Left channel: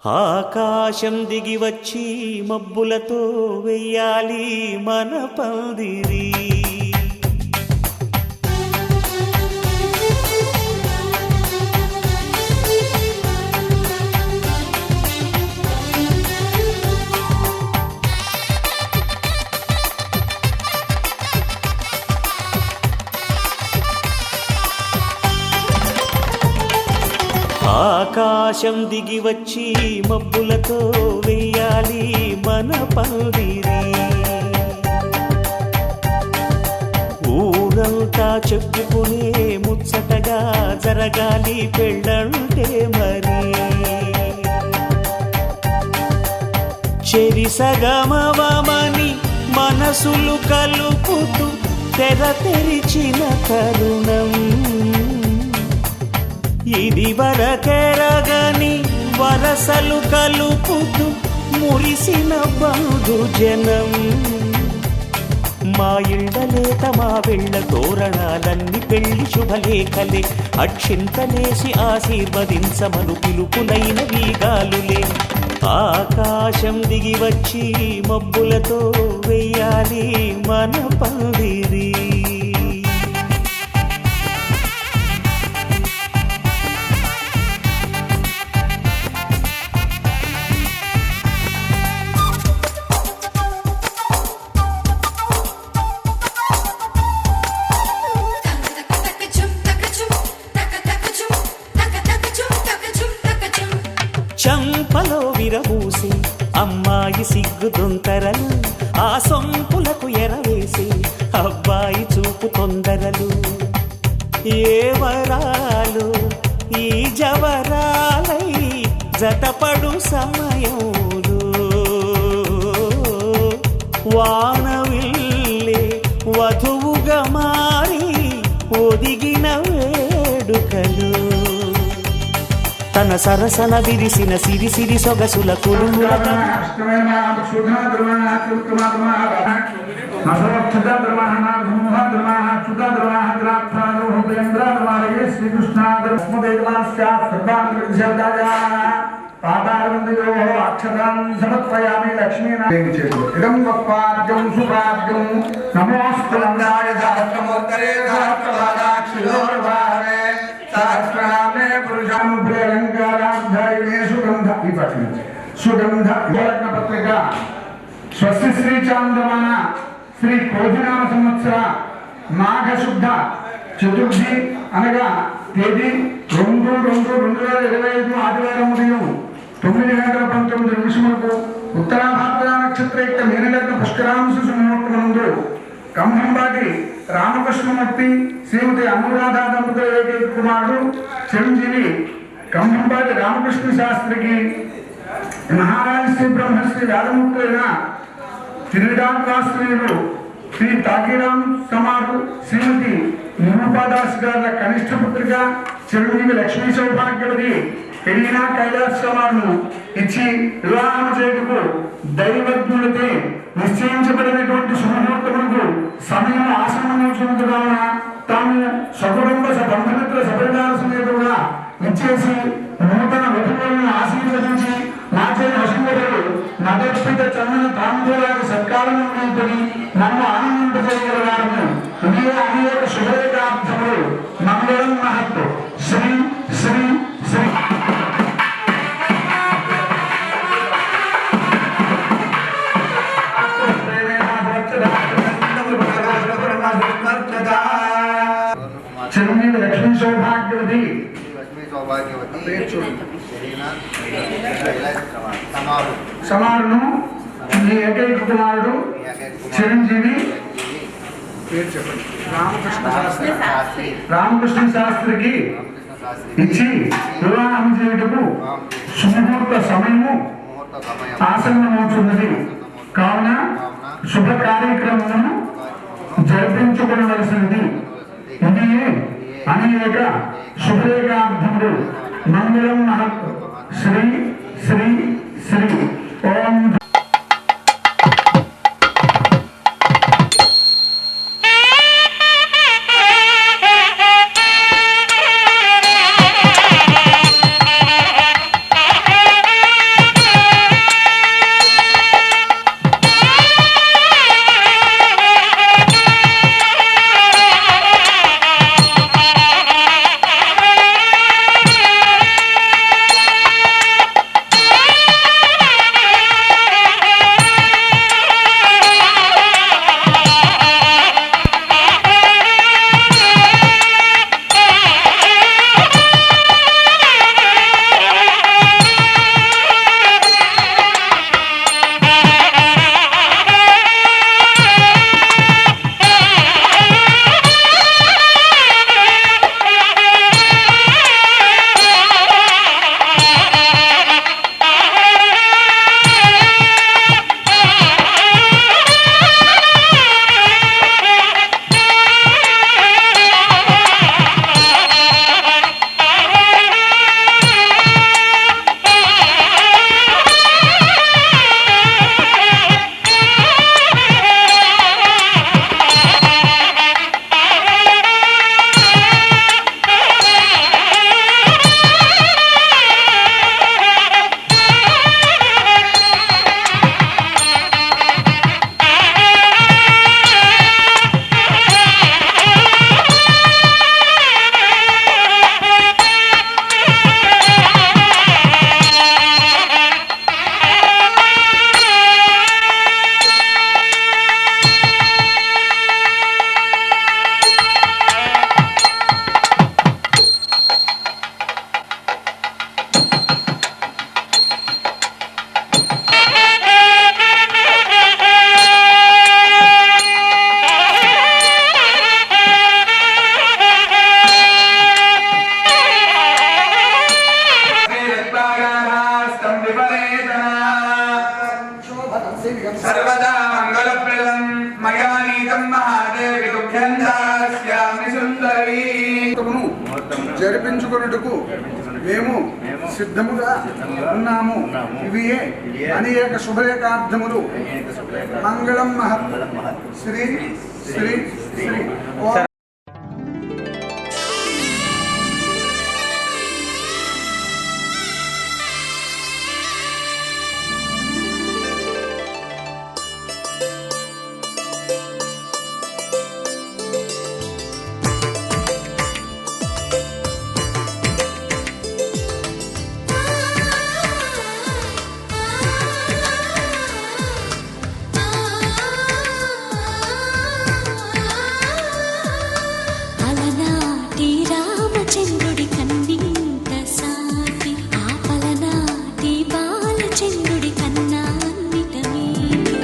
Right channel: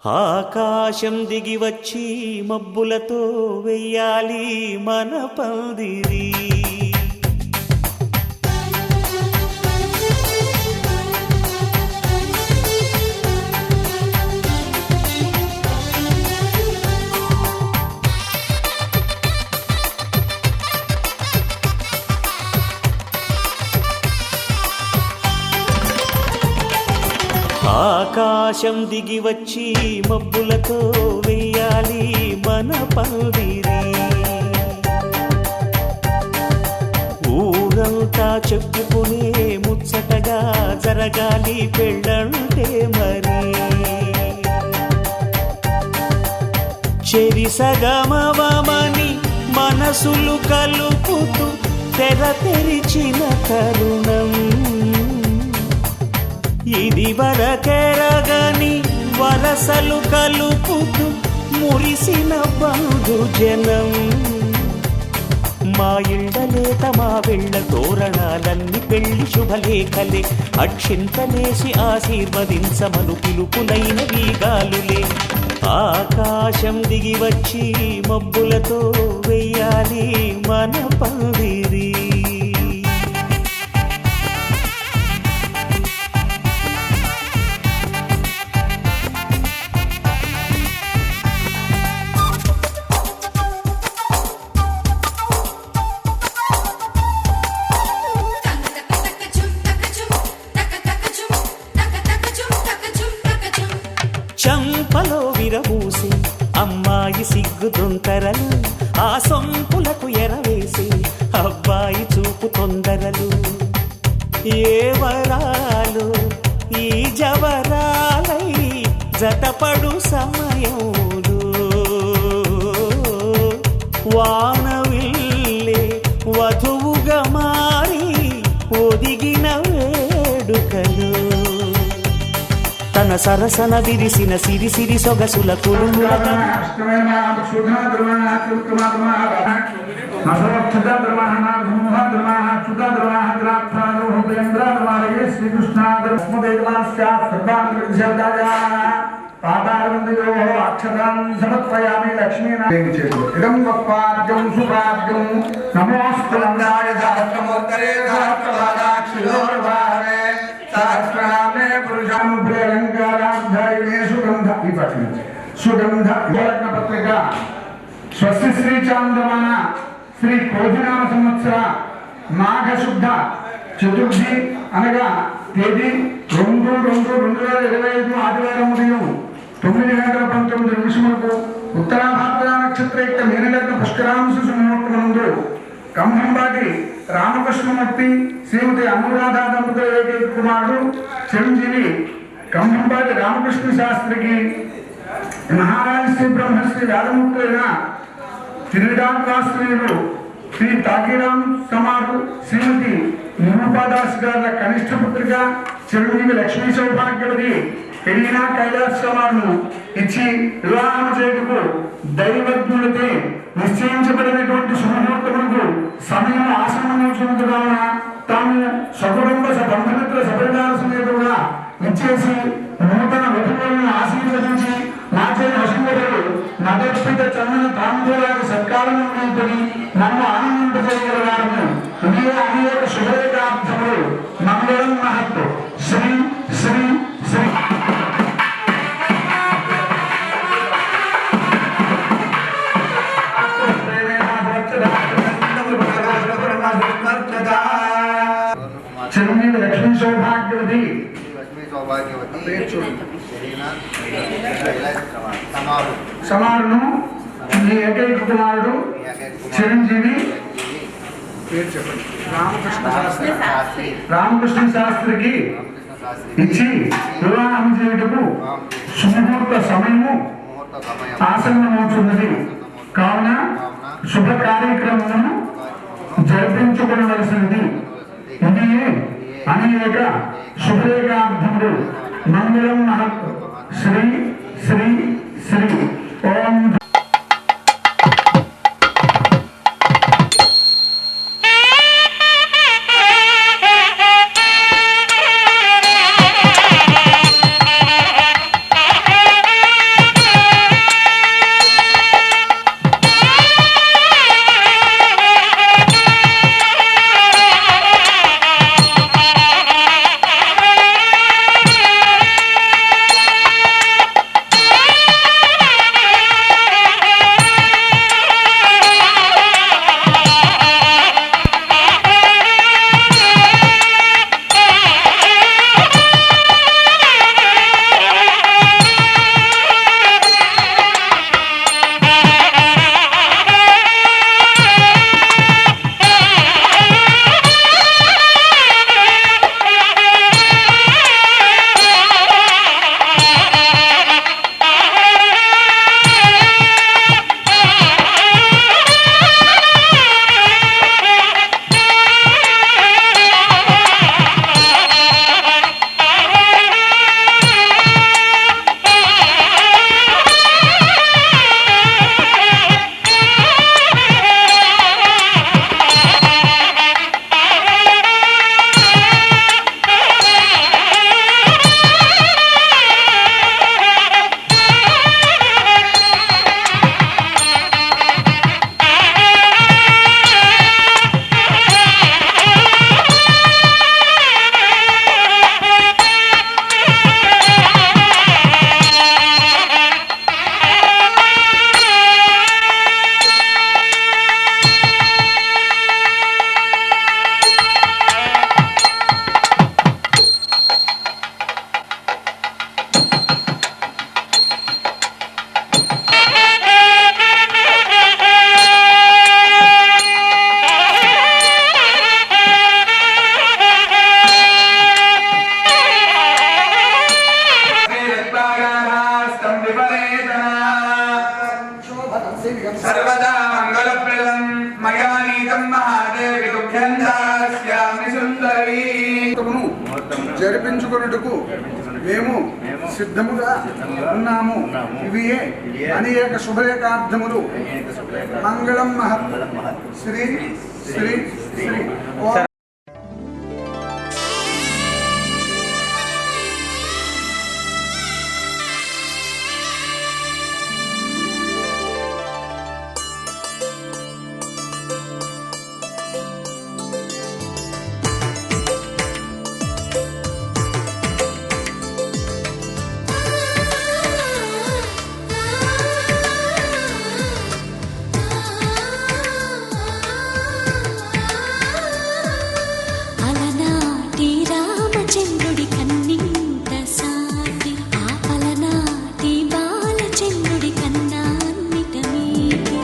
ఆకాశం దిగి వచ్చి మబ్బులతో వెయ్యాలి మన పందిరి. ఆకాశం దిగి వచ్చి మబ్బులతో వెయ్యాలి మన పందిరి. ఊరంతా చెప్పుకునే ముచ్చటగా జరగాలి పెళ్ళంటే మరి. చెరిసగమవమని మనసులు కలుపుతూ తెర తెరిచిన తరుణం ఇది వరకెరగని వరసలు కలుపుతూ మురిసిన బంధుజనం. మా ఇళ్ళలేత మా వెళ్ళ తోరణాలన్నీ పెళ్లి శుభలేఖలే. అక్షింతలేసి ఆశీర్వదించమను పిలుపులైన వీగాలులే. ఆకాశం దిగి వచ్చి మబ్బులతో వెయ్యాలి మన పందిరి. చంపలో విరబూసి అమ్మాయి సిగ్గుదొంతరలు, ఆ సొంపులకు ఎరవేసి అబ్బాయి చూపు తొందరలు. ఏ వరాలు ఈ జవరాలై జతపడు సమయంలో వానవిల్లే వధువుగా మారి ఒదిగిన వేడుకలు. తన సరసన విరిసిన సిరి సిరి సొగసుల కులుముల సుగంధ యోలగ్న పత్రిక స్వస్తి శ్రీ చాంద్రమాన శ్రీ కోధినామ సంవత్సర మాఘ శుద్ధ చతుర్థి అనగా తేదీ 2/2/2025 ఆదివారం ఉదయం 9:19 ఉత్తరాభాద్ర నక్షత్రయుక్త మీనలగ్న పుష్కరాంశ సుముహూర్తమందు కంభంబాటి రామకృష్ణమూర్తి శ్రీమతి అనురాధ దంపతుల ఏకైక కుమారుడు చిరంజీవి కంభంబాటి రామకృష్ణ శాస్త్రికి మహారాజ శ్రీ బ్రహ్మశ్రీ వేదముక్తులైన తిరుడాశ్రీలు శ్రీ తాకీరాం సమారు శ్రీమతి నిరూపాదాస్ గారి కనిష్ట పుత్రిక చిరంజీవి లక్ష్మీ సౌభాగ్యవతి పెరిగిన కైలాస్ సమాను ఇచ్చి వివాహం చేయుటకు దైవజ్ఞులతో నిశ్చయించబడినటువంటి శుభముహూర్తములకు సమయం ఆసన్నమవుతున్నది కావున తాము సకుటుంబ బంధుమిత్ర సపరివార సమేతంగా ఇచ్చేసి నూతన వధువులను ఆశీర్వదించి నాచే వసుంధరులు నదర్పిత చందన తాంబూలాల సత్కారం నిమిత్తని నన్ను ఆనందింపజేయగలవారము. ఇదే అనేక శుభరేఖార్థములు మంగళం మహత్తు. శ్రీ శ్రీ శ్రీ చిరంజీవి లక్ష్మీ సౌభాగ్యవతి సమారును మీ ఏకైక కుమారుడు చిరంజీవి రామకృష్ణ శాస్త్రికి ఇచ్చి వివాహం చేయుటకు సుముహూర్త సమయము ఆసన్నమవుతున్నది కావున శుభ కార్యక్రమము జరిపించుకోవలసినది. ఇది అనేక శుభరేఖార్థములు మంగళం మహత్. శ్రీ శ్రీ శ్రీ ఓం. सर्वदा मंगलप्रदं मया नीतं महादेवी दुःखन्दास्यामि सुन्दरी జరిపించుకొనుటకు మేము సిద్ధముగా ఉన్నాము. ఇవియే అనేక శుభలేఖార్థములు. మంగళం మహత్ శ్రీ శ్రీ శ్రీ ఓం అలనాటి రామచంద్రుడి కన్నింత సాటి ఆపలనాటి బాలచంద్రుడి కన్నా అన్నిట మీటి.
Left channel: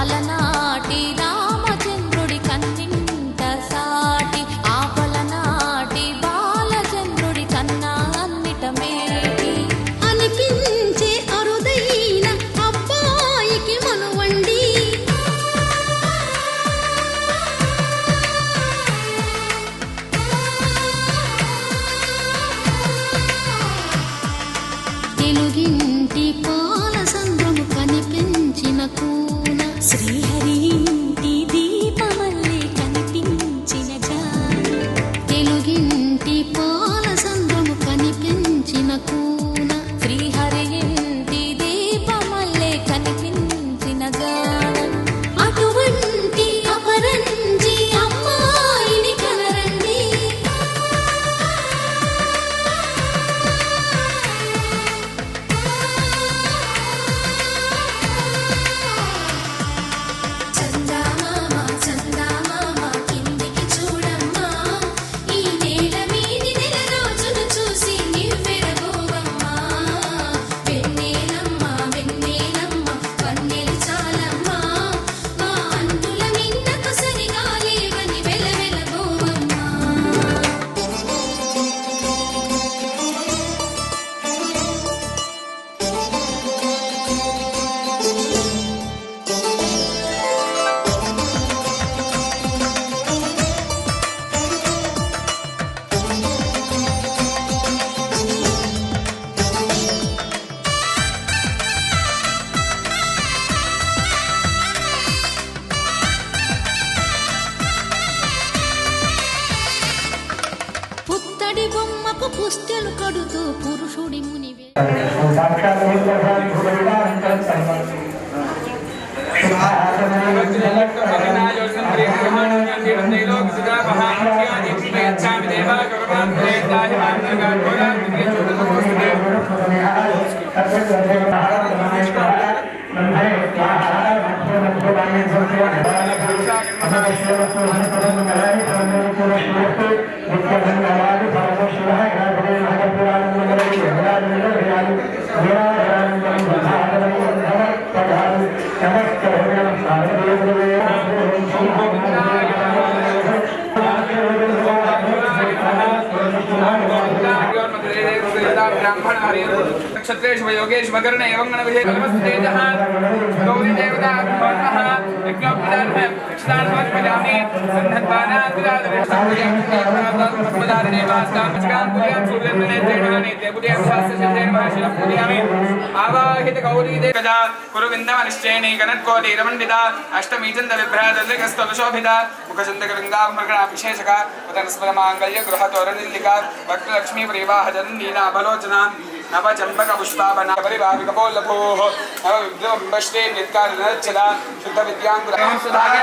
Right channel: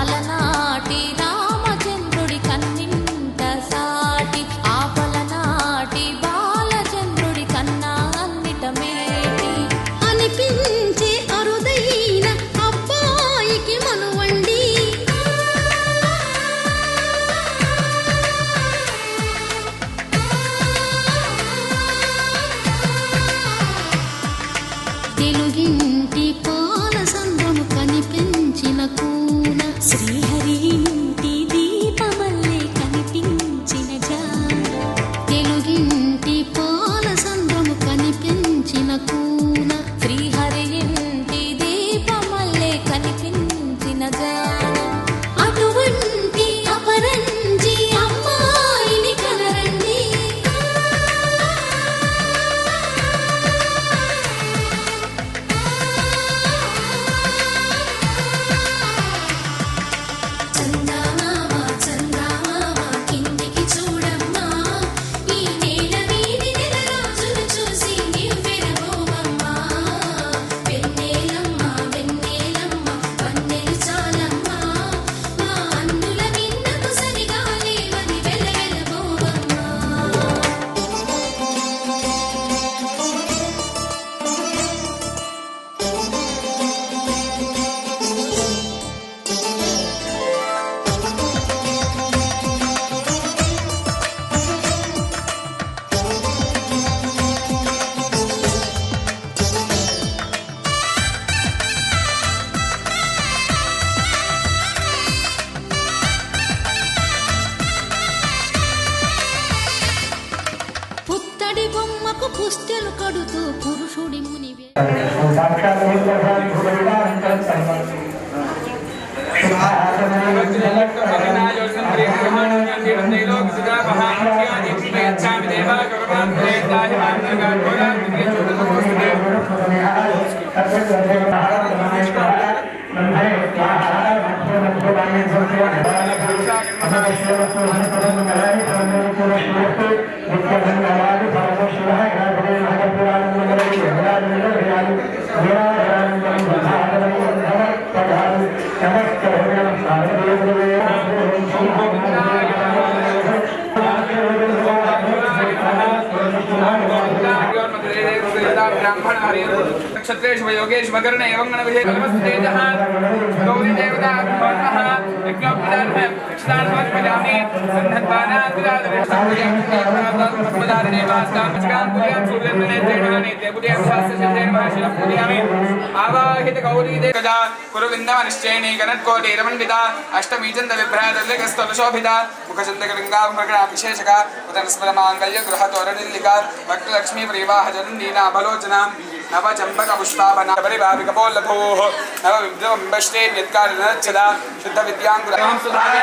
అలనాటి రామచంద్రుడి కన్నింత సాటి ఆపలనాటి బాలచంద్రుడి కన్నా అన్నిట మేటి. అనిపించే అరుదైన అబ్బాయికి మనువండి. తెలుగింటి పాల సంద్రము కనిపించిన కూన శ్రీహరి ఇంటి దీపమల్లే కనిపించిన జాన. తెలుగింటి పాల సంద్రము కనిపించిన కూన శ్రీహరి ఇంటి దీపమల్లే కనిపించిన జాన. అటువంటి అపరంజి అమ్మాయిని కనరండి. చందమామ చందమామ కిందికి చూడమ్మా, ఈ నేల మీది నెల రోజులు చూసి నివ్వెరబోవమ్మా. వెన్నెలమ్మ వెన్నెలమ్మ వన్నెలు చాలమ్మా, మా అన్నుల మిన్నకు సరిగా లేవని వెలవెలబోవమ్మా. పుత్తడి బొమ్మకు పుస్తెలు కడుతూ పురుషుడి మునివే. क्षत्रेषु योगेषु मकर्ण एवं गणविषये नमस्तेजः गौरी देवता नमः यज्ञोपदानः दक्षिणार्थं पजामि सन्धत्वानादिरादरे पद्मधारिणेवास्तामचकान् सूर्यन्दनेत्रेणानि देवदेवतास्य सिद्धेन महर्षिणं पूजयामि आवाहित गौरी देवता कुरुविन्दमनिश्चयनी गणत्कोटिरमण्डिता अष्टमीचन्दविभ्रातलिकस्तलशोभिता मुखचन्दकलिङ्गाभरणविशेषका उदनस्मरमाङ्गल्य गृहतोरणिल्लिका भक्तलक्ष्मी प्रियवाहजनन्दीना बलोचना नव चंपक पुष्पावना परिभाविक बोलभूः नव विद्रोम्बष्टे विद्कार नरचला शुद्ध विद्यांकुरां सुधागे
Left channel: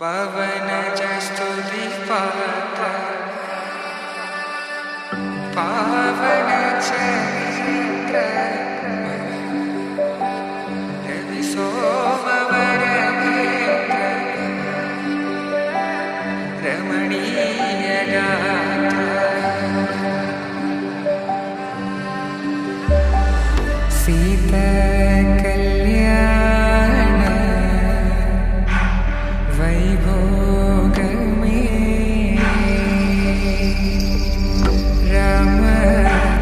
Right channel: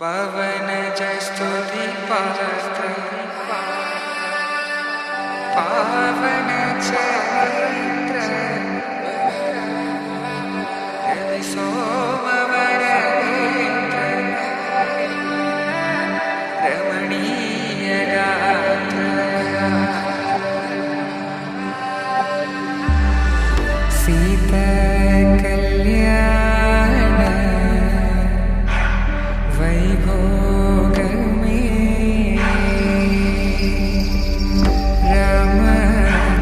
पवन जस्तुति సీత కళ్యాణ వైభోగమే రామ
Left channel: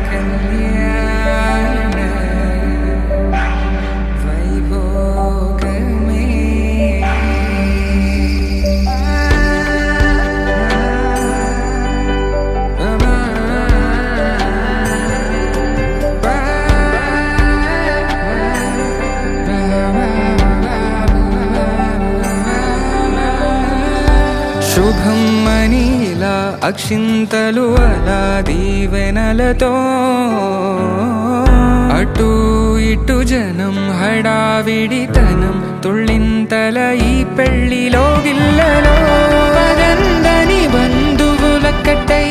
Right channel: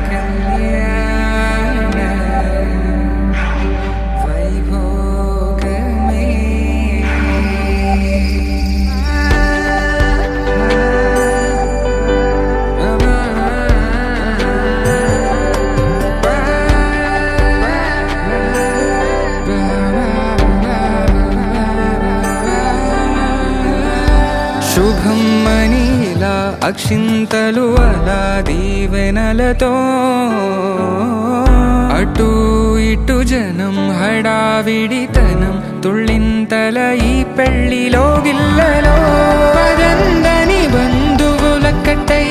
కళ్యాణ వైభోగమే శుభం మనీలా అక్షింతలు అలా దీవెనలతో అటు ఇటు జనం హడావిడితనం తుళ్ళింతల ఈ పెళ్లిలో గిల్లలో పదందని బంధువులక్కటై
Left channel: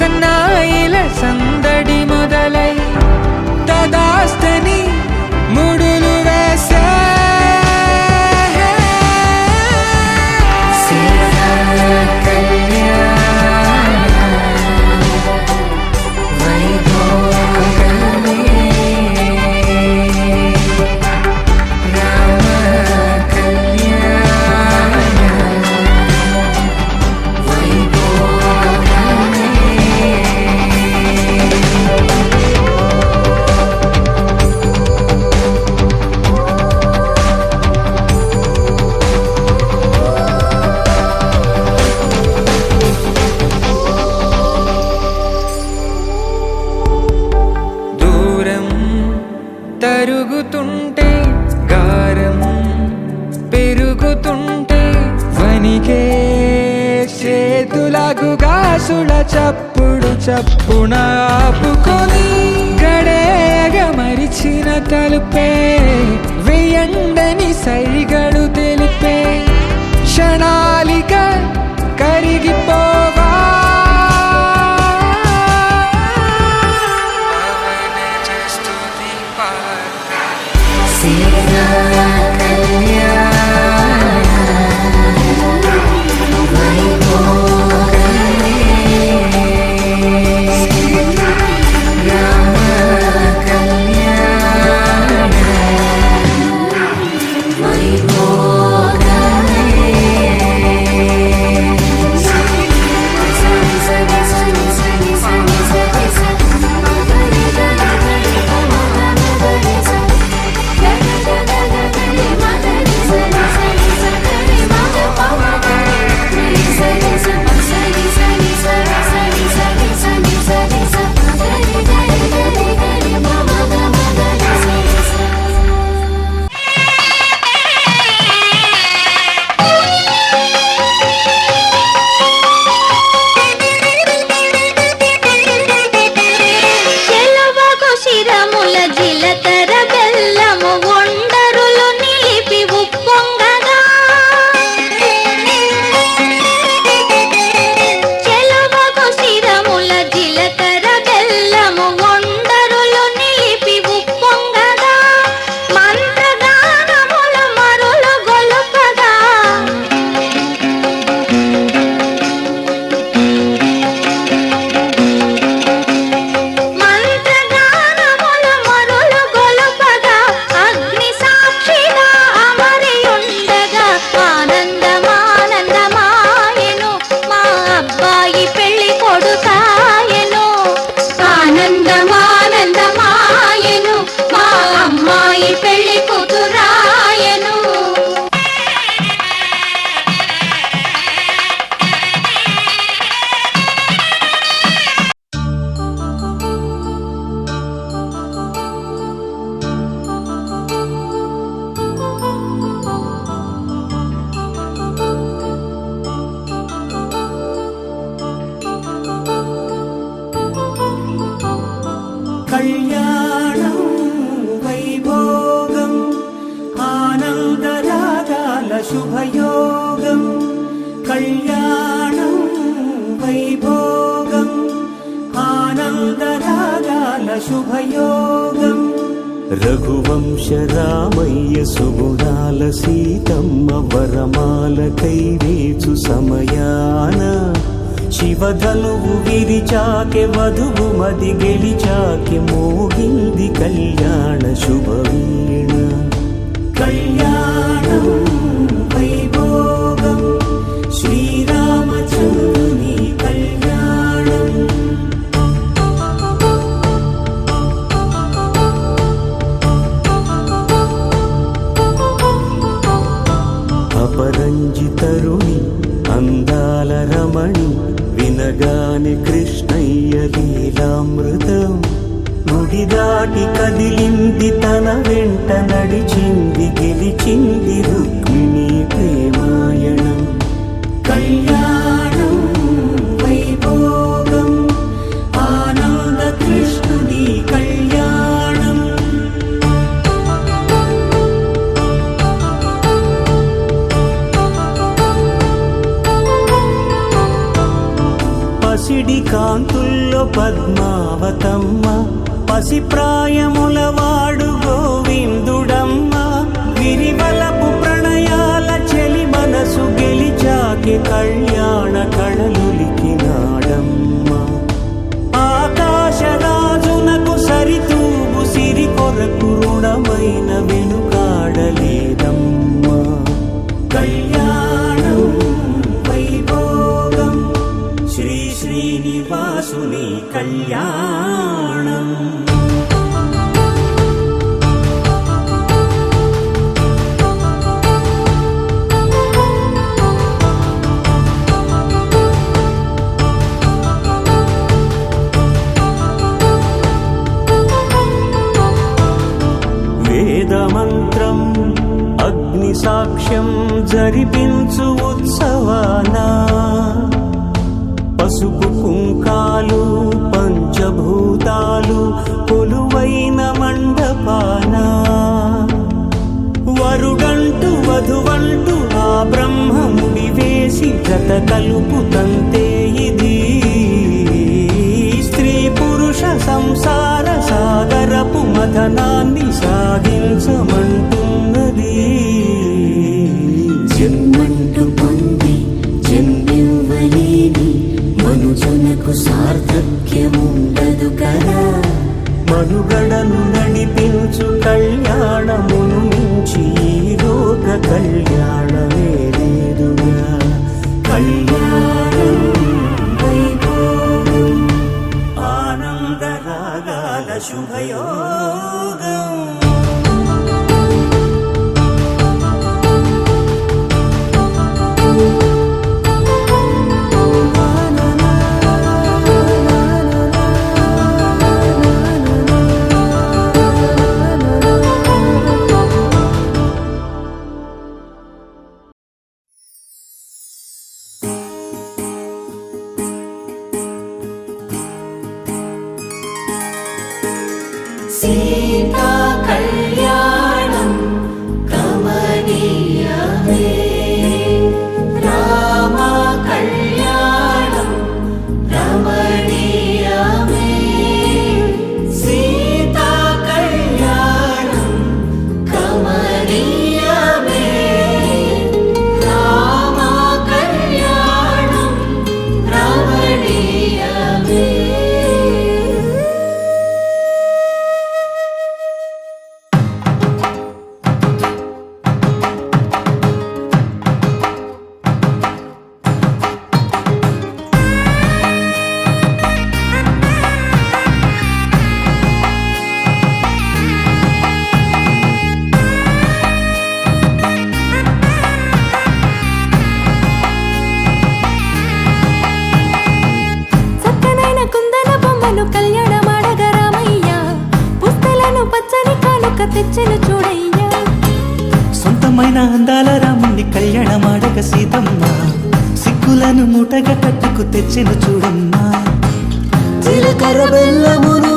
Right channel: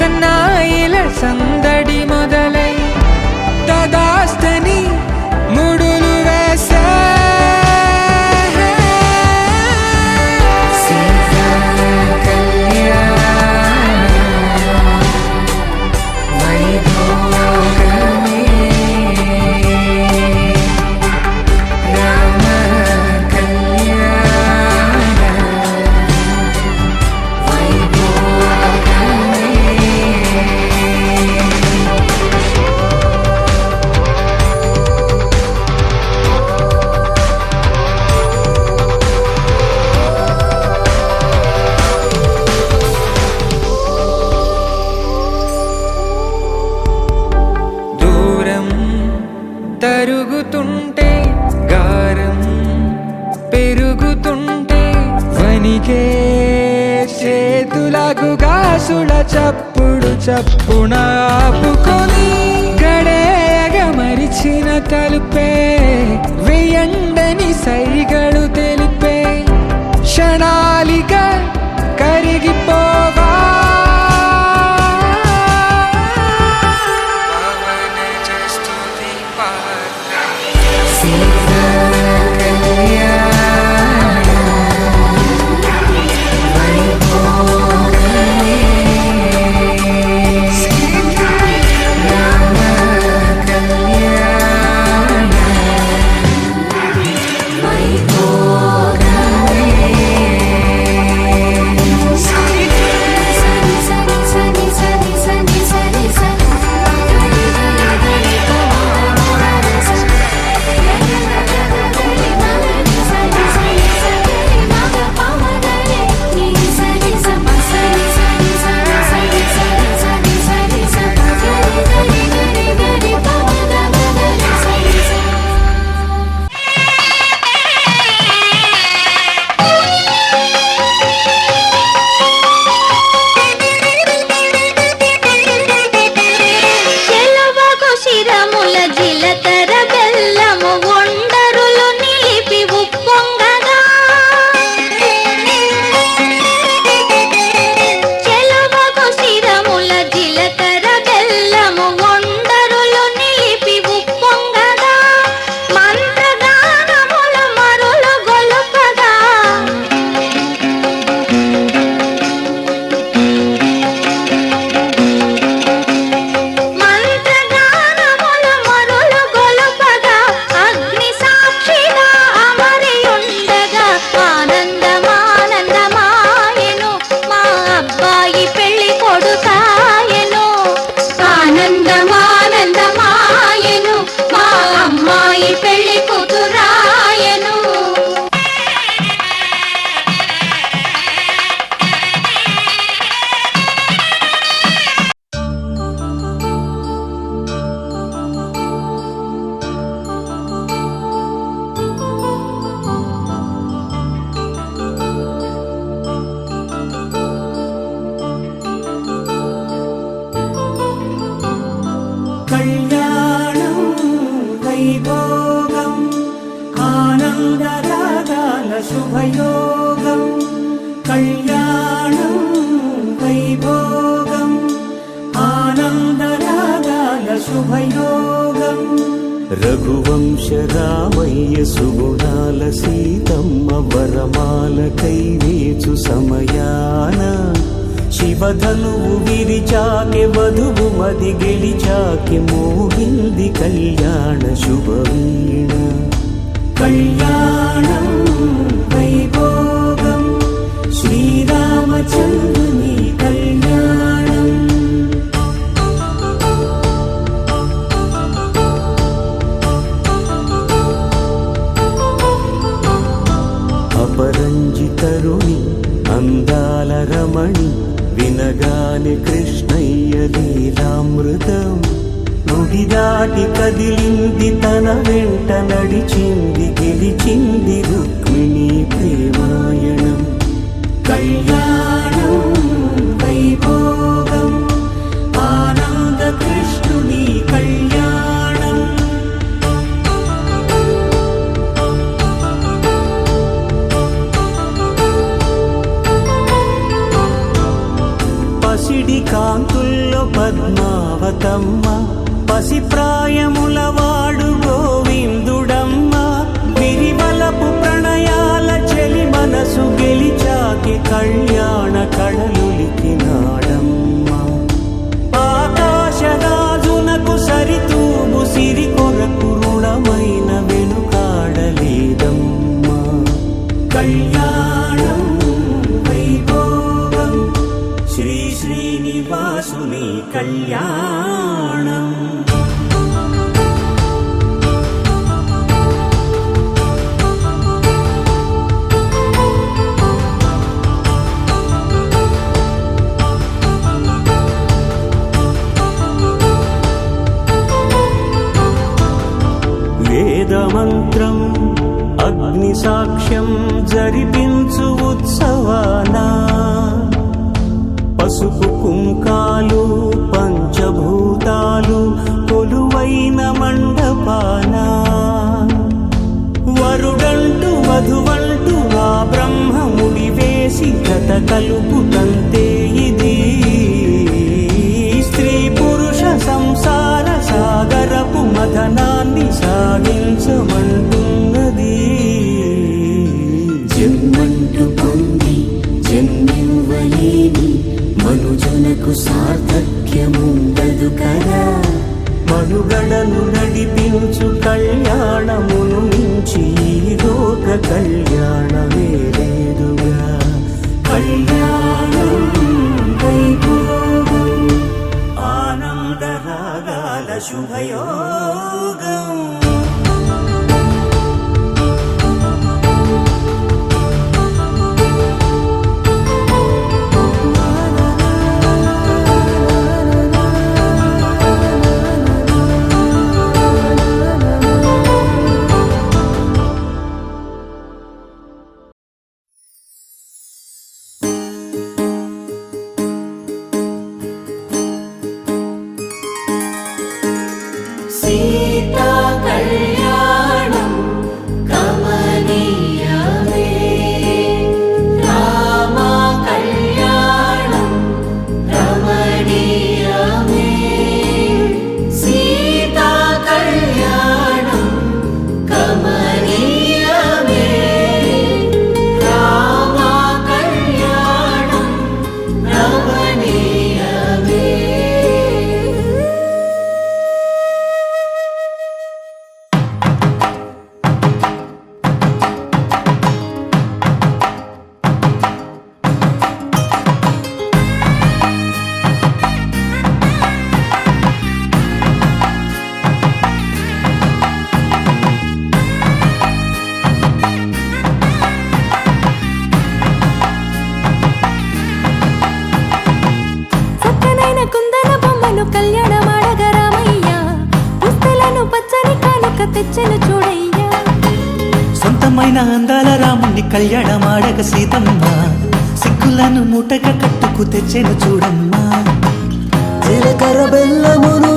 సన్నాయిల సందడి మొదలై తదాస్తని ముడులు వేసా తరుగుతుంటే గారం పెరుగుతుంటే వనికే చేతులకు గాసుల చప్పుడు చప్పున ఆపుకొని గడేగ మరిచిన తలుపే వేయండని సైగడు తెలిపే క్షణాలిక కరిగిపోవా కళ్యాణం వైభోగం ఆనందరాగాల శుభయోగం కళ్యాణం వైభోగం ఆనందరాగాల శుభయోగం రఘువంశ రామయ్య సుగుణాల సీతమ్మ వరమాల కైవేచు సమయాన శివధనువు విరిచాకె వధువు మది గెలిచాకె మోగింది కళ్యాణ శుభవీణ. కళ్యాణం వైభోగం శ్రీరామచంద్రుని కళ్యాణం. అపరంజి తరుణి అందాల రమణి వినగానే కృష్ణయ్య లీలామృతం. గుడి దాటి కదిలింది తన వెంట నడిచింది గెలిచింది రుక్మిణి ప్రేమాయణం. కళ్యాణం వైభోగం ఆనంద కృష్ణుని కళ్యాణం. పసిడి కాంతుల్లో పద్మావతమ్మ పసిప్రాయముల వాడు గోవిందుడమ్మ. విరివలపు ప్రణయాల చెలి మనసు గెలిచాకే కళ్యాణ కళలులికినాడమ్మ. ఆకాశరాజునకు సరితూబు సిరి కొరకు రుణమైన వెనుకాడలేదమ్మ. కళ్యాణం వైభోగం శ్రీ శ్రీనివాసుని కళ్యాణం. వేదమంత్రం అగ్ని సాక్ష్యం జరిపించు ఉత్సవానా. పసుపు కుంకాలు పంచభూతాలు కొలువైన మండపాన. వరుడంటూ వధువంటూ ఆ బ్రహ్మముడి వేసి జత కలుపుతంతే ఇది. స్త్రీ పురుష సంసార సాగరపు మథనాన్ని సాగించమంటున్నది. జన్మంటూ పొంది జన్మివ్వలేని మనుజునకు సార్థక్యముండదు కదా. మనుగడను నడిపించు కళ్యాణమును మించి ఈ లోక కళ్యాణమే లేదుగా. కళ్యాణం వైభోగం ఆనందరాగాల శుభయోగం. సీతా కళ్యాణం కమనీయమే. రామ కళ్యాణం రమణీయమే. సీతా కళ్యాణం కమనీయమే. రామ కళ్యాణం రమణీయమే. కళ్యాణమాడగ రామయ్య పుస్తలను పచ్చని కానుక తెచ్చెను చూడయ్యా. సొంతమైన అందాల రాముని కళ్యాణమాడగ సీతమ్మ సిగ్గులను మూటగా కట్టుకు తెచ్చెను చూడమ్మా. జీలకర్ర బెల్లమును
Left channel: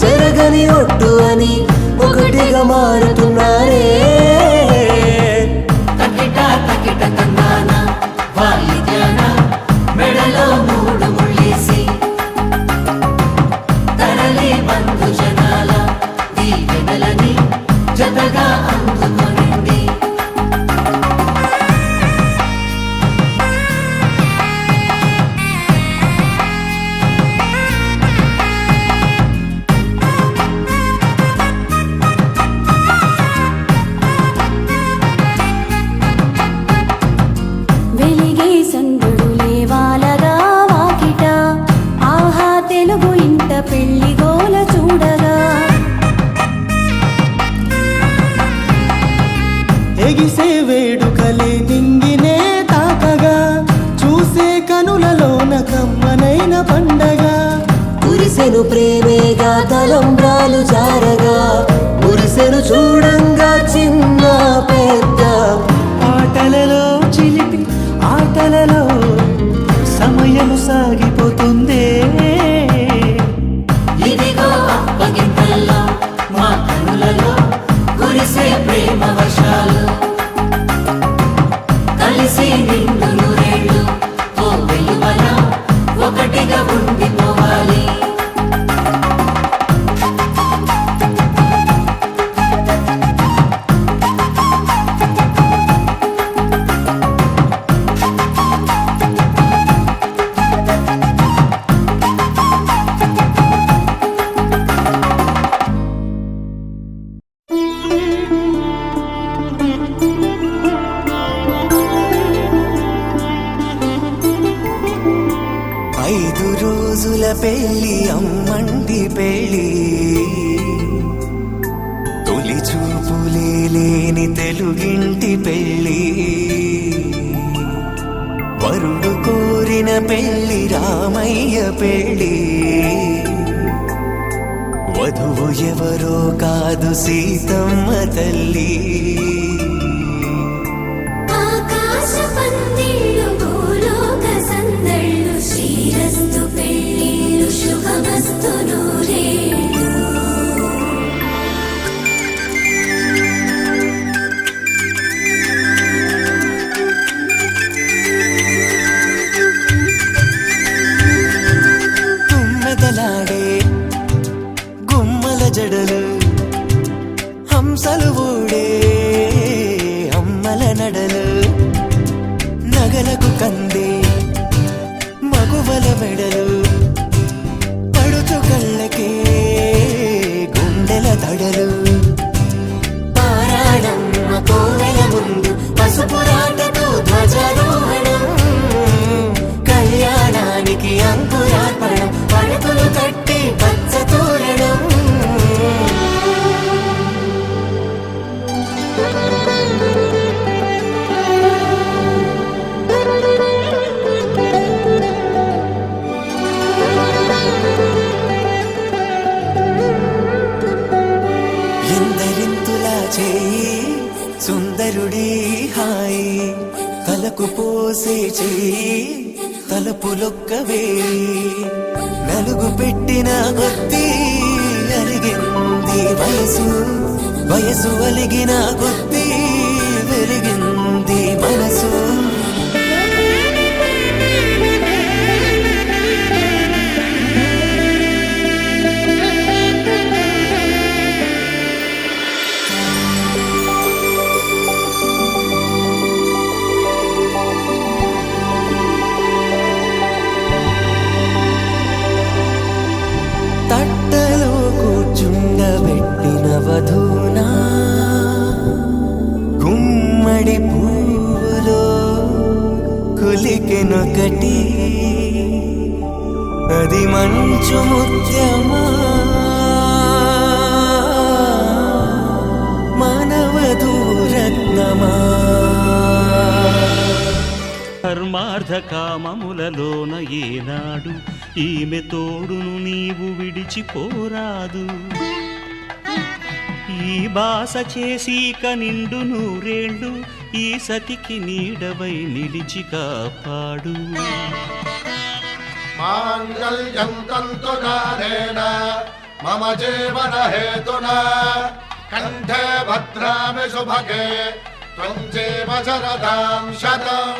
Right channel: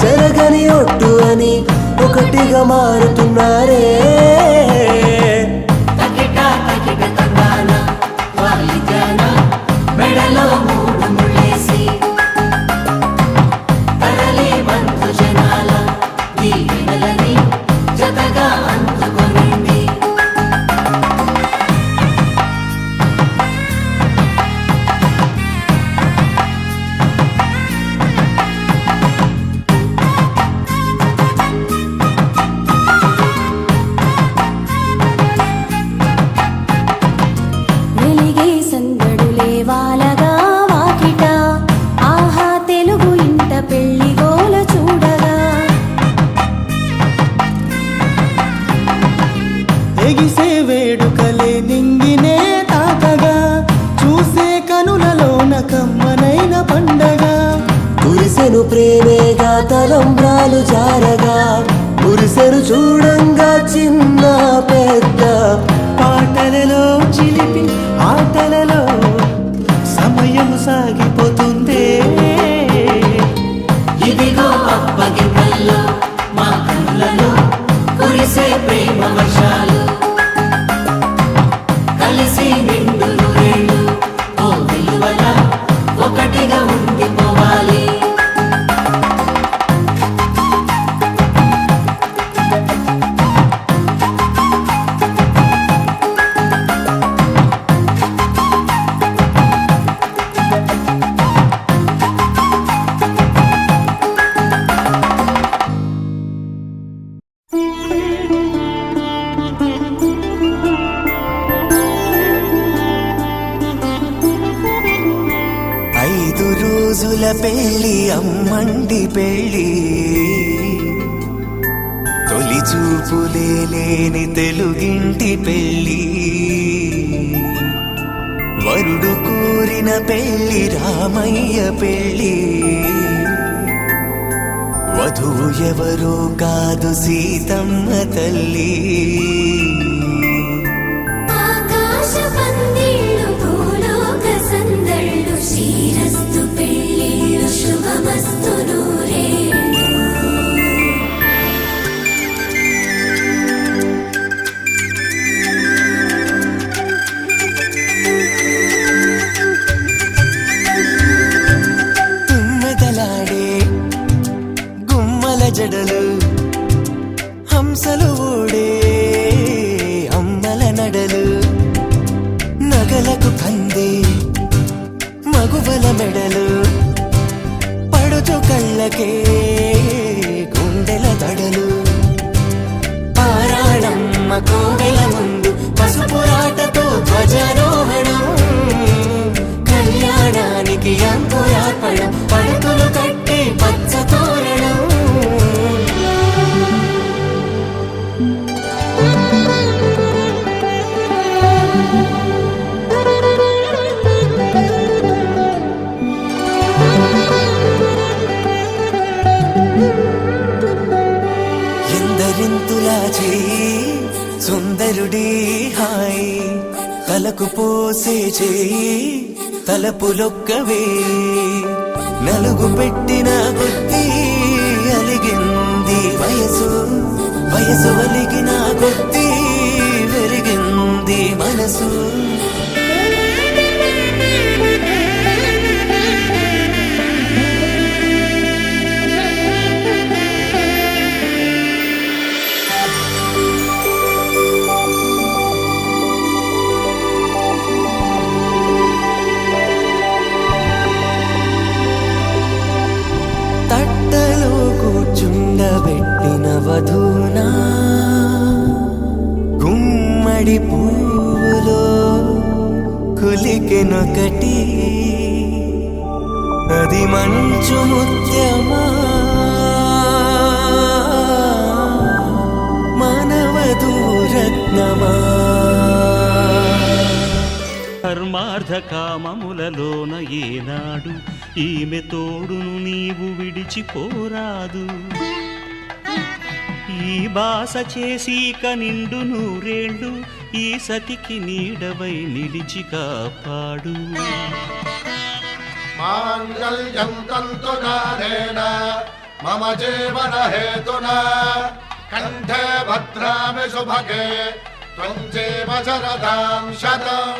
చెరగని ఒట్టు అని ఒకటిగా మారుతున్నారే. ప్రేమేగా తలంబ్రాలు జారగా మురిసెను చూడంగా చిన్న పెద్ద పాటలలో చిలిపి ఆటలలో సమయం సాగిపోతుందే ఇదిగో అప్పగింతల్లో మా కనులలో కురిసే ప్రేమ వర్షాలు కలిసి నిండు నూరేళ్ళు ఓ వెలువగా ఒకటిగా ఉండిపోవాలి ఐదు రోజుల పెళ్లి అమ్మండి పెళ్లి తొలి చూపులే లేని తెలుగింటి పెళ్లి వరుడు కోరిన పెళ్లి రామయ్య పెళ్లి వధువు ఎవరో కాదు సీతమ్మ తల్లి ఆకాశ పందిళ్ళు భూలోక సందళ్ళు శ్రీరస్తు పెళ్ళిళ్ళు శుభమస్తు నూరేళ్ళు గుమ్మెదలాడే గుమ్మల జడలు హంసలు ఓడే అమ్మల నడలు నగలకు కందే మగువల వెడలు పడుచు కళ్ళకే గుండెల తడలు పారాడమ్మ కోవెల ముందు పసుపురాటతో ధ్వజారోహణం కళ్యాణానికి అంకురార్పణం పడకలు కట్టి పచ్చ తోరణం ఎందరింతులా చేయి సుందరుడి హాయి తలకు పోసే చేయి తలపులొక్కవే నలుగు పెట్టిన కొద్దీ అలిగింది వయసు వయసు అలిగిన కొద్దీ వెలిగింది మనసు తట్టలో కూర్చుండబెట్టిన వధూనా గుమ్మడి పువ్వులో కులికెనొకటి అది మంచు ముత్యమా మానవధూరత్నమా ధర్మార్థ కామములలోన ఏనాడు ఈమె తోడును నీవు విడిచిపోరాదు ఈ బాస చేసి నిండు నూరేళ్ళు ఈ సతికి నీడవై నిలిచి కాపాడు మాంగళ్యం తంతునానేన మమ జీవన హేతునా కంఠే భద్రామి శుభగే త్వం జీవ శరదాం శతం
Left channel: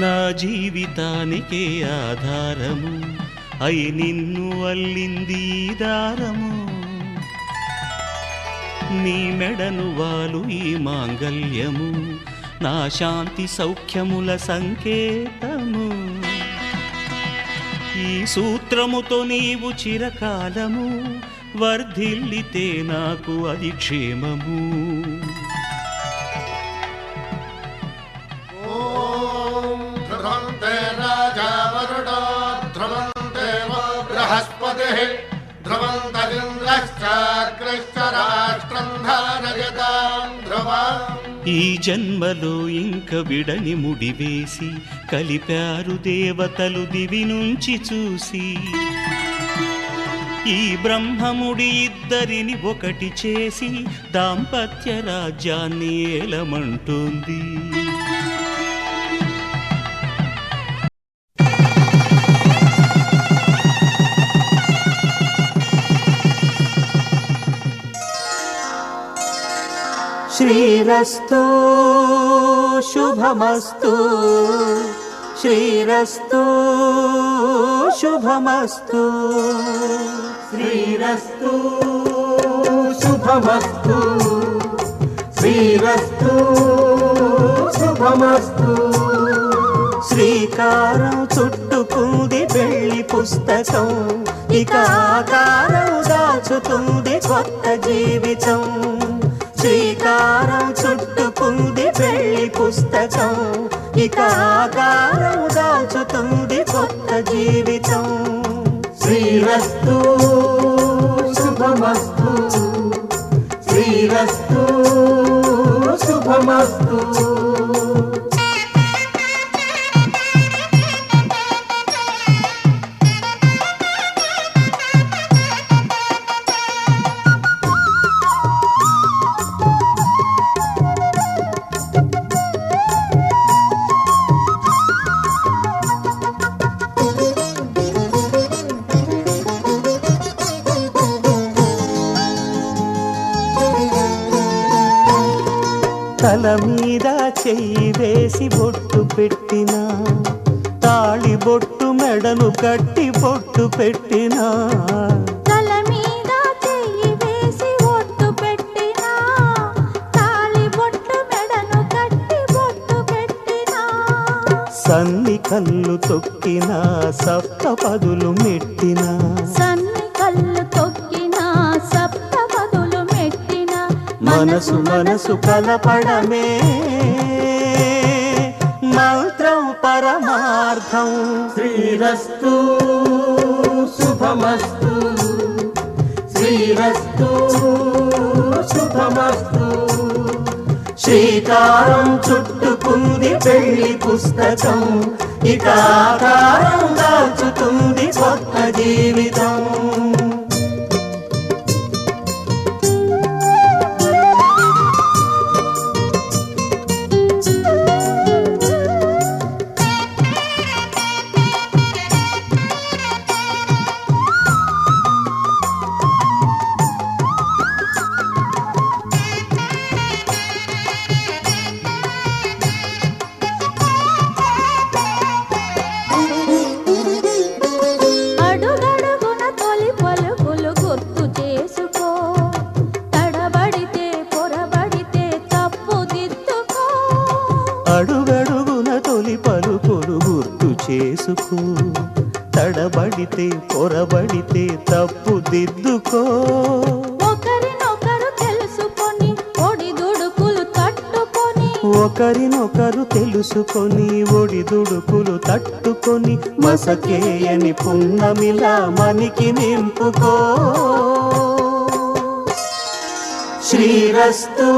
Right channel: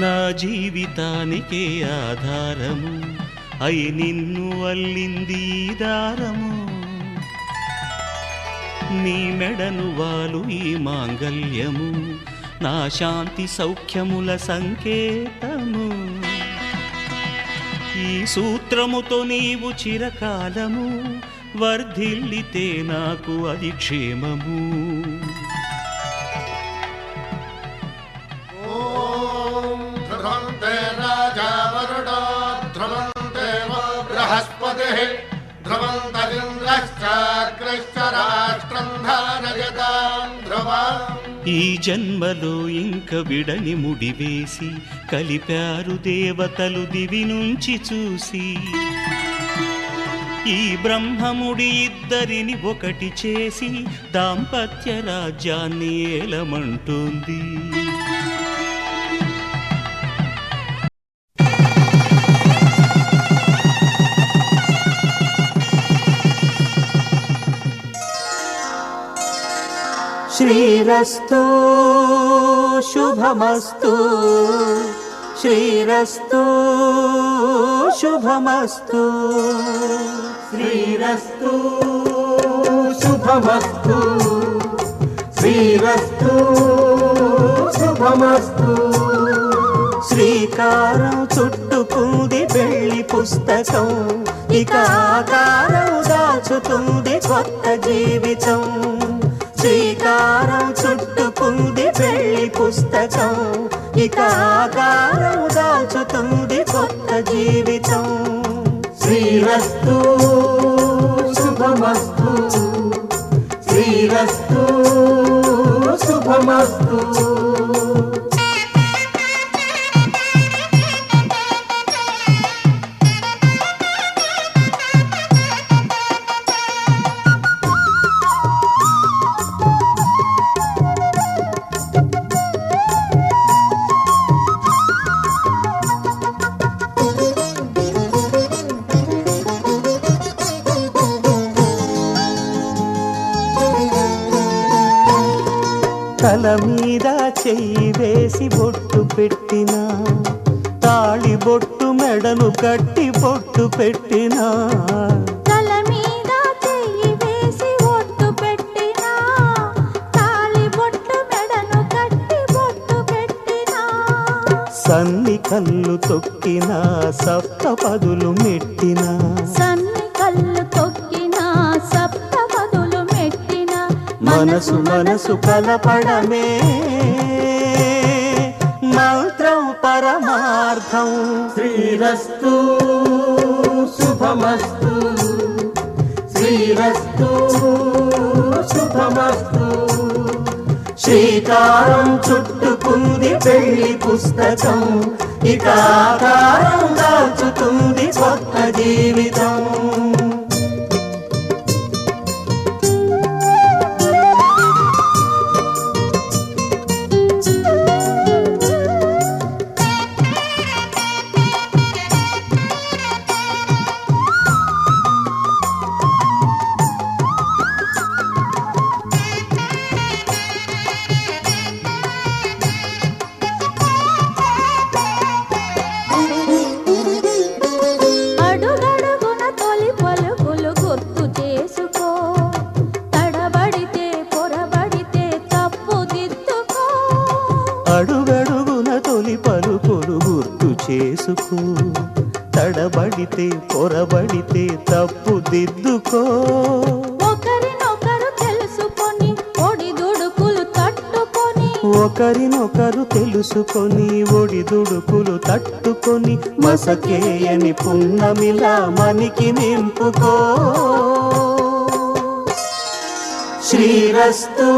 నా జీవితానికే ఆధారము అయి నిన్ను అల్లింది ఈ దారము నీ మెడను వాలు ఈ మాంగల్యము నా శాంతి సౌఖ్యముల సంకేతము ఈ సూత్రముతో నీవు చిరకాలము వర్ధిల్లితే నాకు అది క్షేమము ధ్రువంతే రాజా వరుడో ధ్రువంతే బృహస్పతి ధ్రువంతరింద్రశ్చాగ్రశ్చ రాష్ట్రం ధారయతాం ధ్రువం ఈ జన్మలో ఇంక విడని ముడివేసి కలిపారు దేవతలు దివి నుంచి చూసి. ఈ బ్రహ్మముడి ఇద్దరిని ఒకటి చేసి దాంపత్య రాజ్యాన్ని ఏలమంటుంది. శ్రీరస్తు శుభమస్తు, శ్రీరస్తు శుభమస్తు, శ్రీరస్తు శుభమస్తు, శ్రీరస్తు శుభమస్తు. శ్రీకారం చుట్టుకుంది పెళ్లి పుస్తకం, ఇక ఆకారం దాచుతుంది కొత్త జీవితం. శ్రీకారం చుట్టుకుంది పెళ్లి పుస్తకం, ఇక ఆకారం దాచుతుంది కొత్త జీవితం. శ్రీరస్తు శుభమస్తు, శ్రీరస్తు శుభమస్తు. తల మీద చెయ్యి వేసి బొట్టు పెట్టినా, తాళి బొట్టు మెడను కట్టి బొట్టు పెట్టినా. తల మీద చెయ్యి వేసి బొట్టు పెట్టినా, తాళి బొట్టు మెడను కట్టి బొట్టు పెట్టినా. సన్ని కళ్ళు తొక్కినా సప్త పదులు మెట్టినా, సన్ని కళ్ళు తొక్కినా సప్త పదులు మెట్టినా. మనసు మనసు కలపడమే మంత్రం పరమార్థం. శ్రీరస్తు శుభమస్తు, శ్రీరస్తు శుభమస్తు. శ్రీకారం చుట్టుకుంది పెళ్లి పుస్తకం, ఇక ఆకారం దాచుతుంది కొత్త జీవితం. అడుగడుగున తొలి పలుకులు గుర్తు చేసుకో, తడబడితే పొరబడితే తప్పుదిద్దుకో. అడుగడుగున తొలి పలుకులు గుర్తు చేసుకో, తడబడితే పొరబడితే తప్పుదిద్దుకో. ఒకరినొకరు తెలుసుకొని ఒడిదుడుకులు తట్టుకొని, ఒకరినొకరు తెలుసుకొని ఒడిదుడుకులు తట్టుకొని మసకేయని పున్నమిలా మనికి నింపుకో. శ్రీరస్తు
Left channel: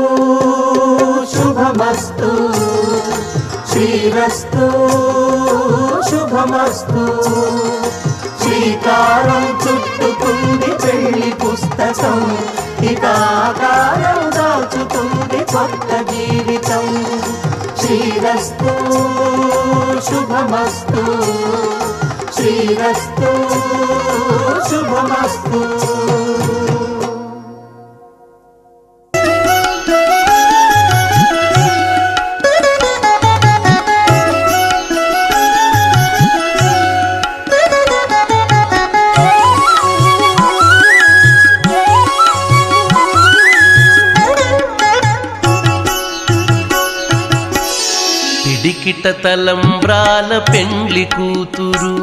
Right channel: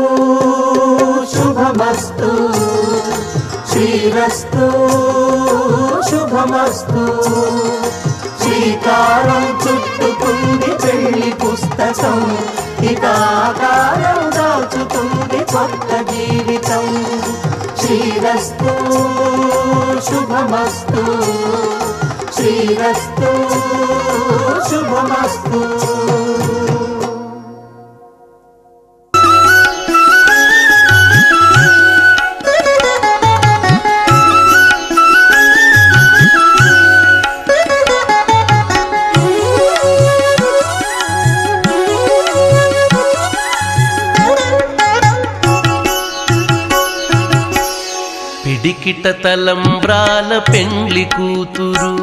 శుభమస్తు, శ్రీరస్తు శుభమస్తు. శ్రీకారం చుట్టుకుంది పెళ్లి పుస్తకం, ఇక ఆకారం దాచుతుంది కొత్త జీవితం. శ్రీరస్తు శుభమస్తు, శ్రీరస్తు శుభమస్తు. పిడికిట తలంబ్రాల పెండ్లి కూతురు,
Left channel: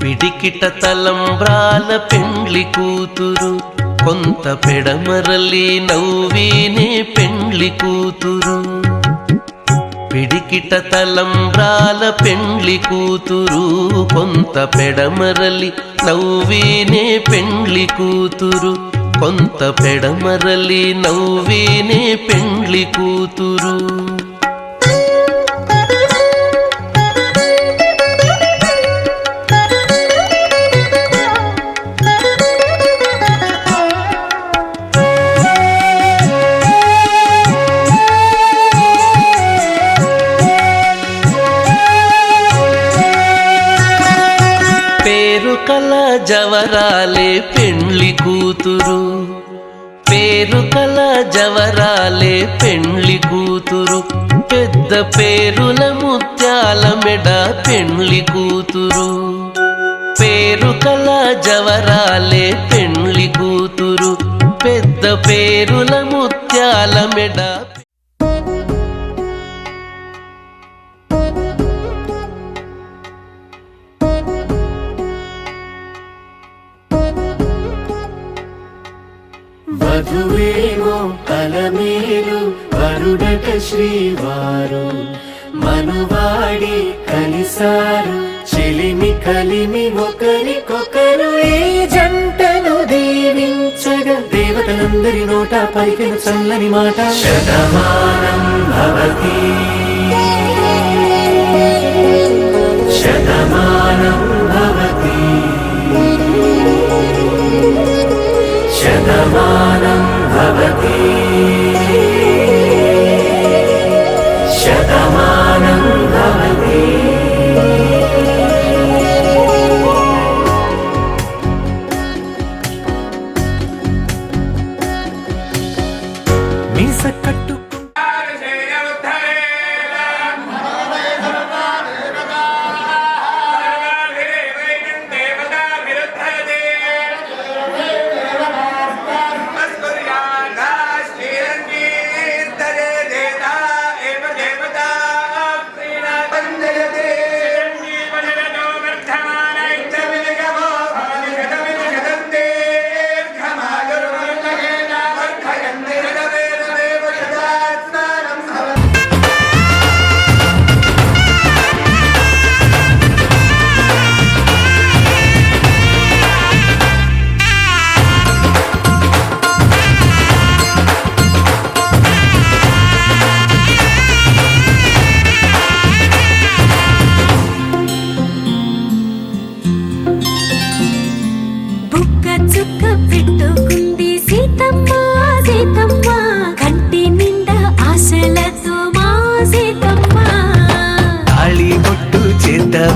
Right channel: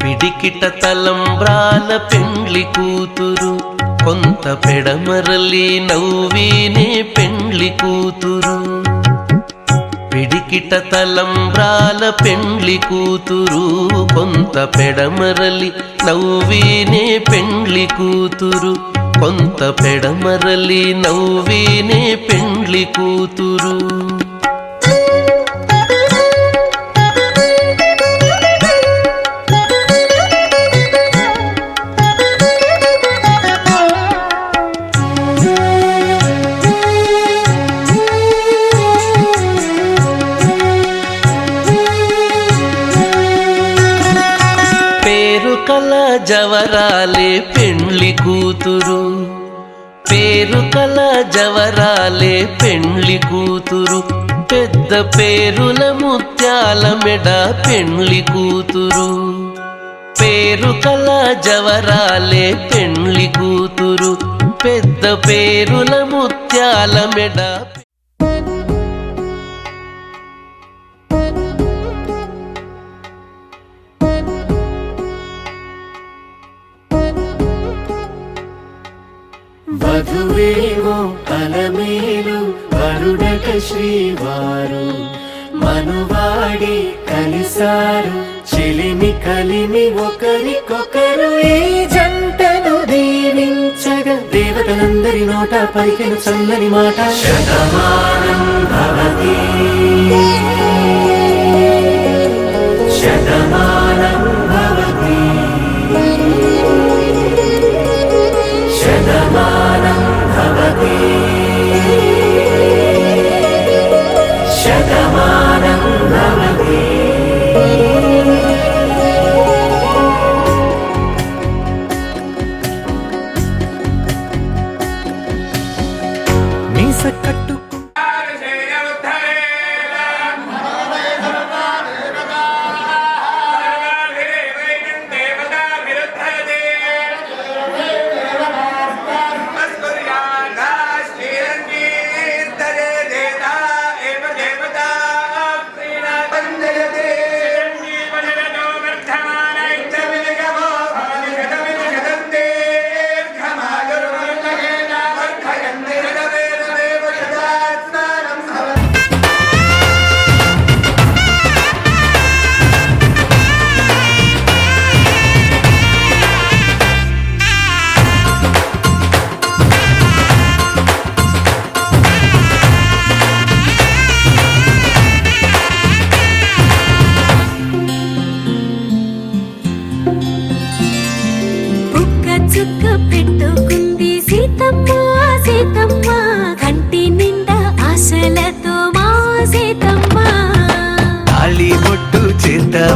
పిడికిట తలంబ్రాల పెండ్లి కూతురు, కొంత పెడమరలి నవ్వినే పెండ్లి కూతురు. పిడికిట తలంబ్రాల పెండ్లి కూతురు కొంత పెడమరలి నవ్వీనే పెండ్లి కూతురు కొంత పెడమరలి నవ్వీనే పెండ్లి కూతురు పేరు కల జవరాలే పెండ్లి కూతురు పేరు కల జవరాలే పెండ్లి కూతురు పెద్ద పేరుల ముత్యాల మెడ పెండ్లి కూతురు పేరు కల జవరాలే పెండ్లి కూతురు పెద్ద పేరుల ముత్యాల మెడ వధువేమో అలమేలు వరుడట శ్రీవారు మనువాడి కలిసారు చెలిమి కలిమి ఒకరికొకరు ఈ జంటను దీవించగా దేవతలందరి నోట పలికిన చల్లని మాట శతమానం భవతి శతమానం భవతి శతమానం భవతి శతమానం భవతి మీస కట్టు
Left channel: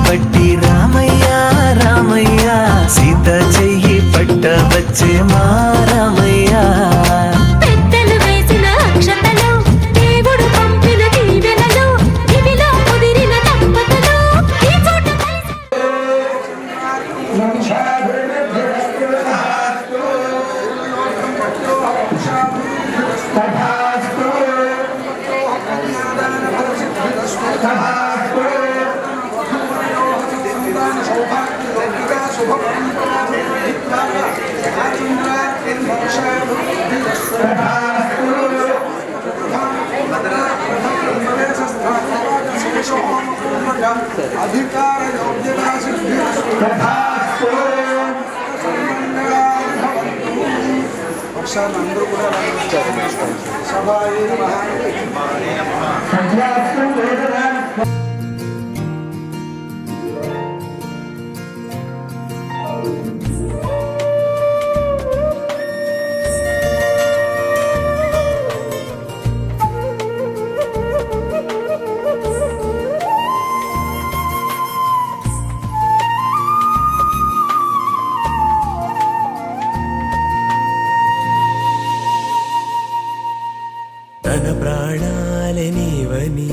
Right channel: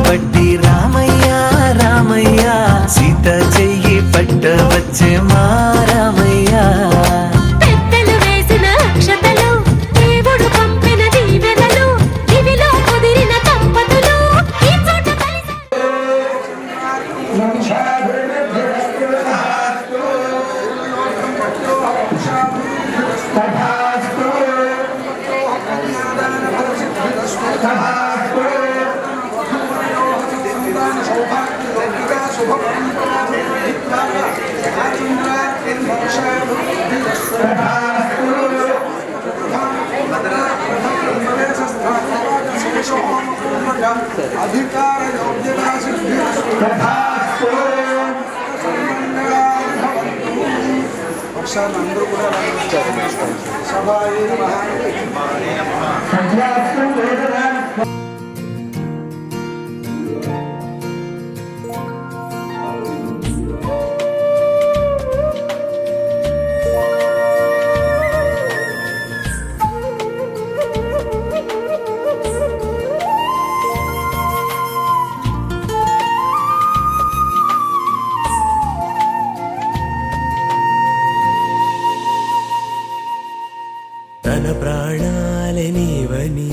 పట్టి రామయ్య రామయ్య సీత చెయ్యి పట్ట వచ్చే మా రామయ్య పెద్దలు వేసిన అక్షతలు దేవుడు పంపిన దీవెనలు ఇవిలో కుదిరిన దంపతులు ఈ చోట అధికార యోగ్యతా సిద్ధి ఒకసారి అందరూ కూడా సభాయే తన ప్రాణాలే నీవని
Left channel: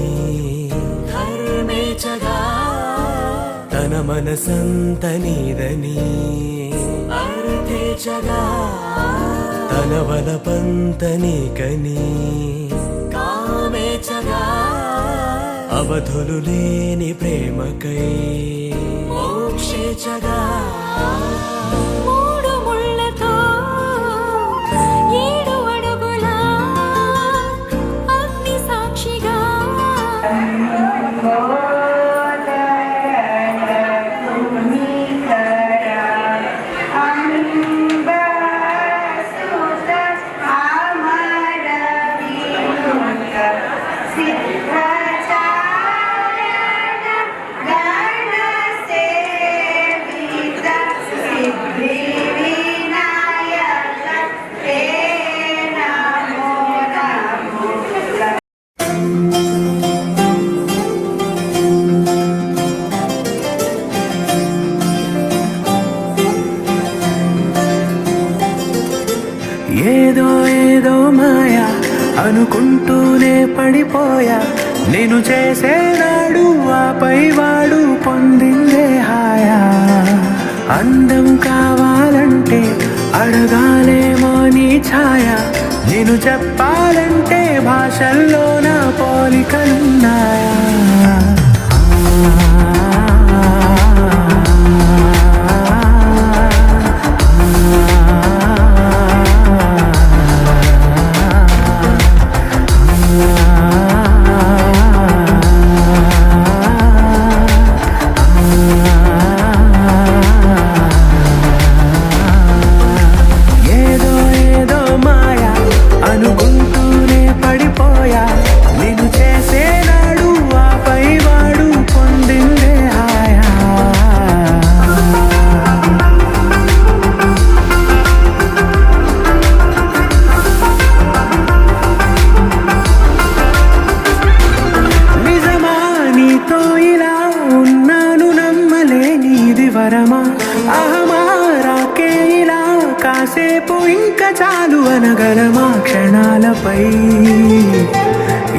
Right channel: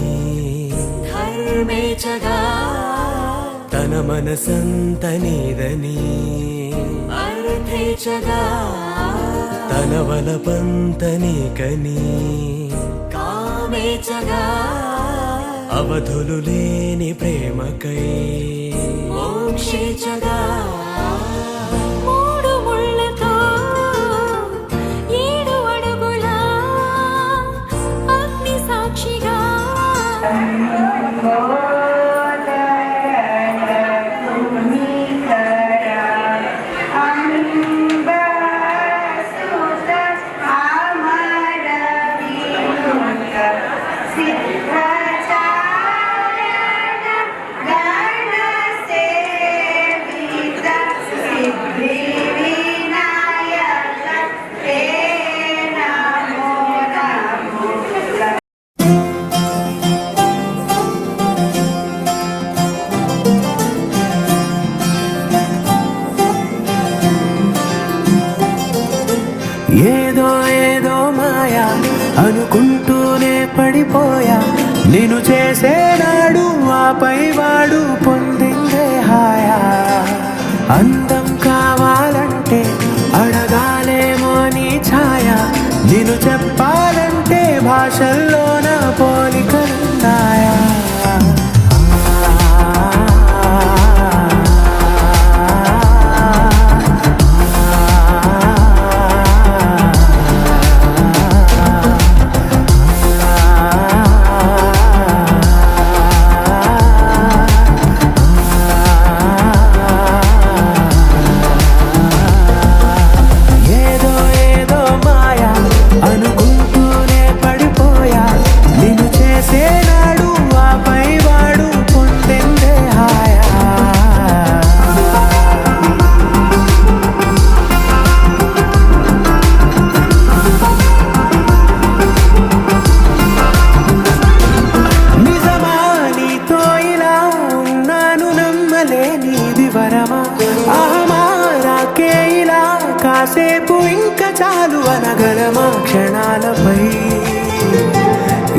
హర్మేచగా తన మనసంత నీదని అర్థేచగా తన వలపంత నీకని కామేచగా అవధులు లేని ప్రేమకై మోక్షేచగా మూడు ముళ్ళతో 7 అడుగుల అగ్ని సాక్షిగా ఏదో ఏదో మాయా అనుకుంటూనే పడిపోయా నేను చేసేనాడు ఆపై వాడు పొందిందే హాయా అందం కావాలంటే అడగాలేమో నీ ఛాయ నేను చెప్పాలంటే భాషల్లో నా పోలికలున్నాయా అనుకుంటూనే పడిపోయా నేను చేసేనాడు ఆపై వాడు పొందిందే హాయా నిజమా నీతో ఇలా ఉన్నాను నమ్మలేనిది వరమా అహమా రాకే ఇలా కాసేపు ఇంకా చాలు అనగలమా క్షణాలపై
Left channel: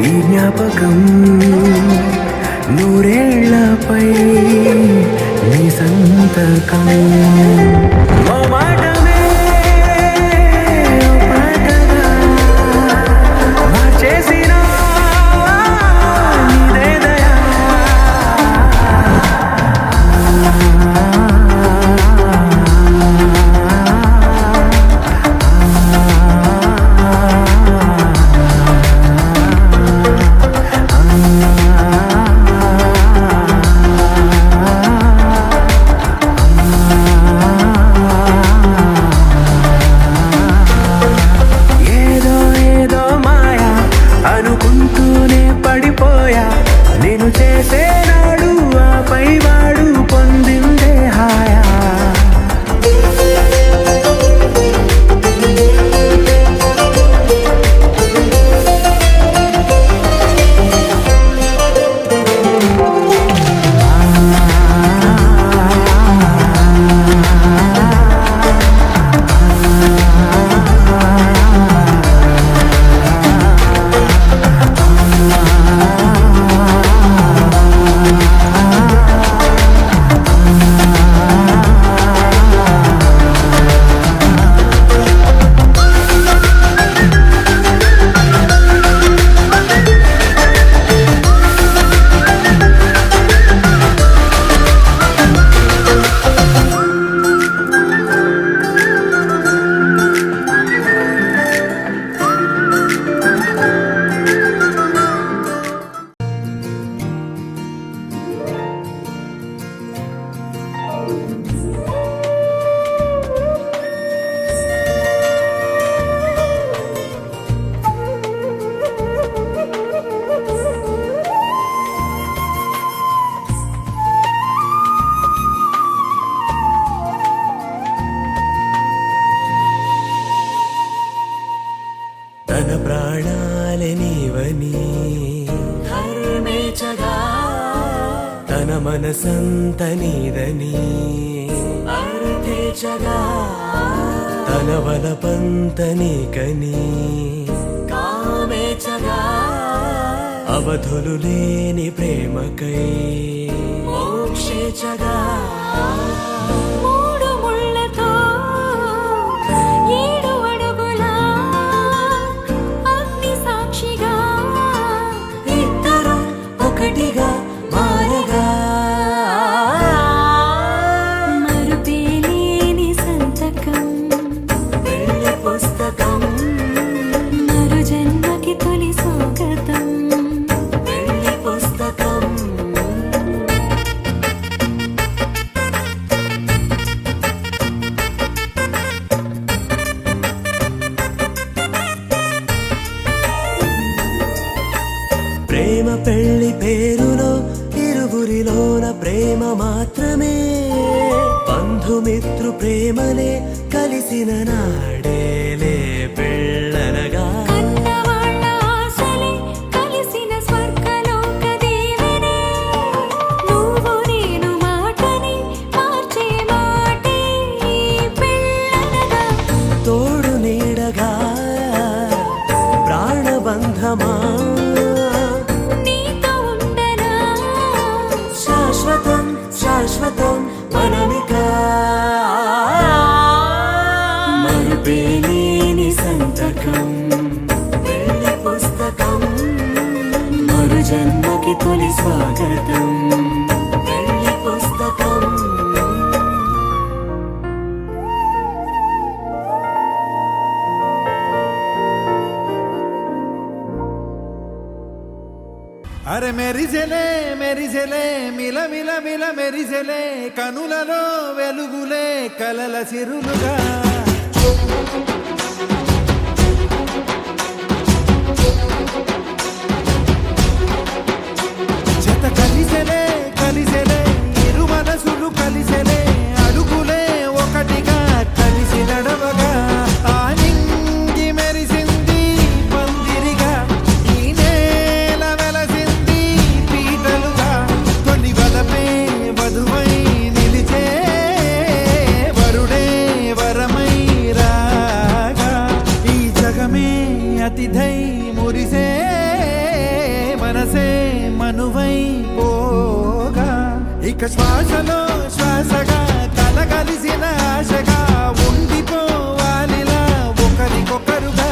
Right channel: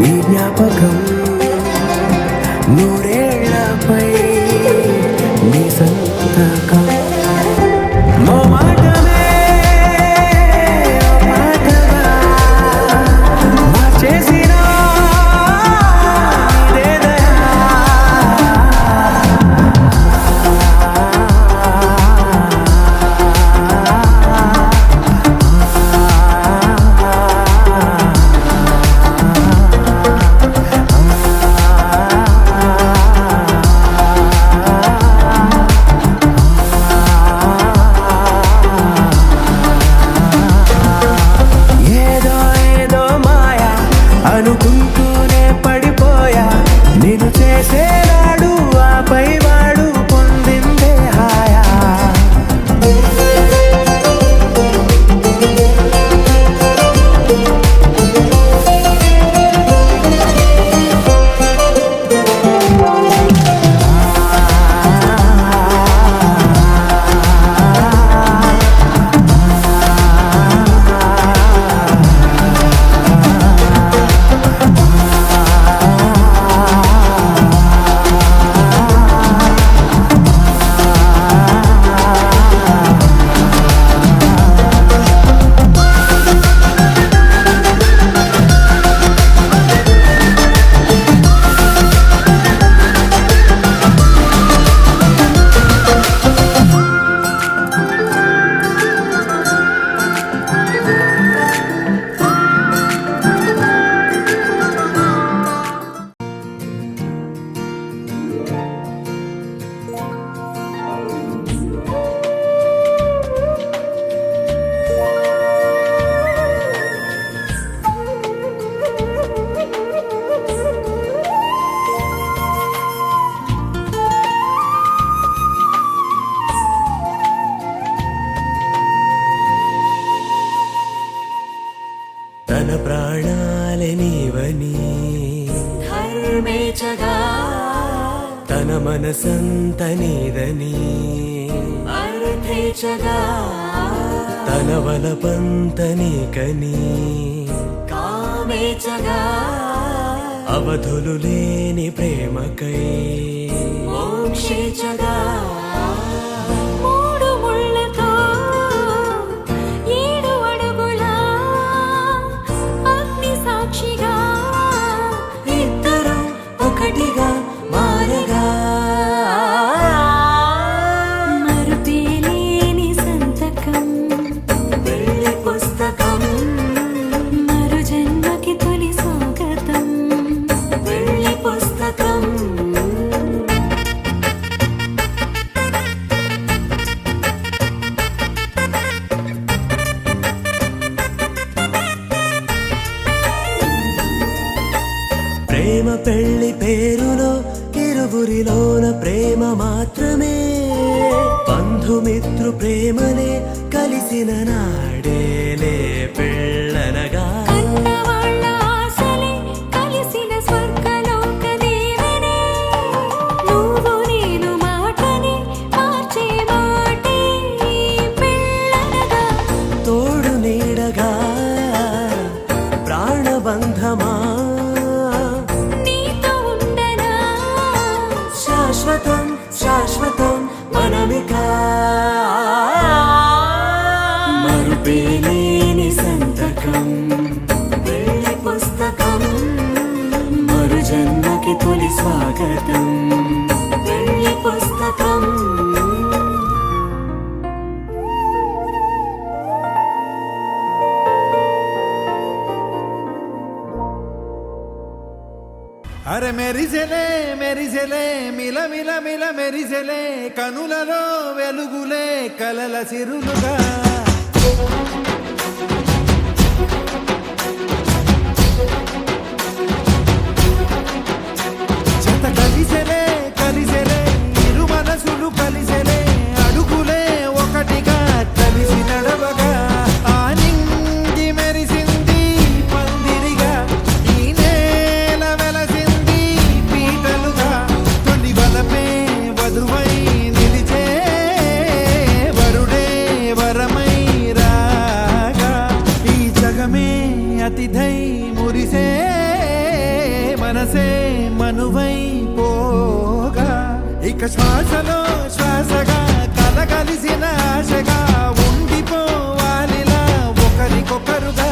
ఈ జ్ఞాపకం నూరేళ్లపై నీ సంతకం మో మాటమే ఓ పాటగా మార్చేసిన నీదే దయా అనుకుంటూనే పడిపోయా నేను చేసేనాడు ఆపై వాడు పొందిందే హాయా తన ప్రాణాలే నీవని ధర్మేచగా తన మనసంత నీదని అర్థేచగా తన వలపంత నీకని కామేచగా అవధులు లేని ప్రేమకై మోక్షేచగా మూడు ముళ్ళతో 7 అడుగుల అగ్ని సాక్షిగా ఇద్దరు ఒకటిగా మారగా మరుపేలేని సంతకం వెళ్ళి పుస్తకం మరు జన్మకి తొలి స్వాగతం వెళ్ళి పుస్తకం ప్రేమ పెళ్లి పేరులో ఇరువురిలోన ప్రేమ మాత్రమే బంధుమిత్రు ప్రేమలే కలిసిన నాడేలే పెళ్ళనగా కన్నవాళ్ళ ఆశలే కలిసిన స్వర్గలోక దీవెనే నువ్వు నేను మాటని మార్చే మాటే పెళ్ళనగా తోడు నీడగా మరుపేలేని సంతకం పెళ్లి పుస్తకం మరు జన్మకి తొలి స్వాగతం పెళ్లి పుస్తకం. అరే మెరిసెలే మెరిసెలే మిల మిల మిల మెరిసెలే కనులలో వెలుగులే కలల సిరులుగా జత కలిసెలే కలిసెలే ఇరు మనసులు కలిసెలే అడుగులే ఒకటిగా కలిసి నడవగా ఆ నింగి మెరిసింది పందిరిగా ఈ నేల వెలసింది పీటలుగా తొలి వలపే వధువై నిలిచే వరుడే వరమై రాగా ఈ జగమే అతిథై మురిసే మనసే మనువై పోగా ఇక శ్వాసలో శ్వాసగా కలగలిసిన ఆశగా ఉండిపోవాలిలా ఒకరికొకరుగా.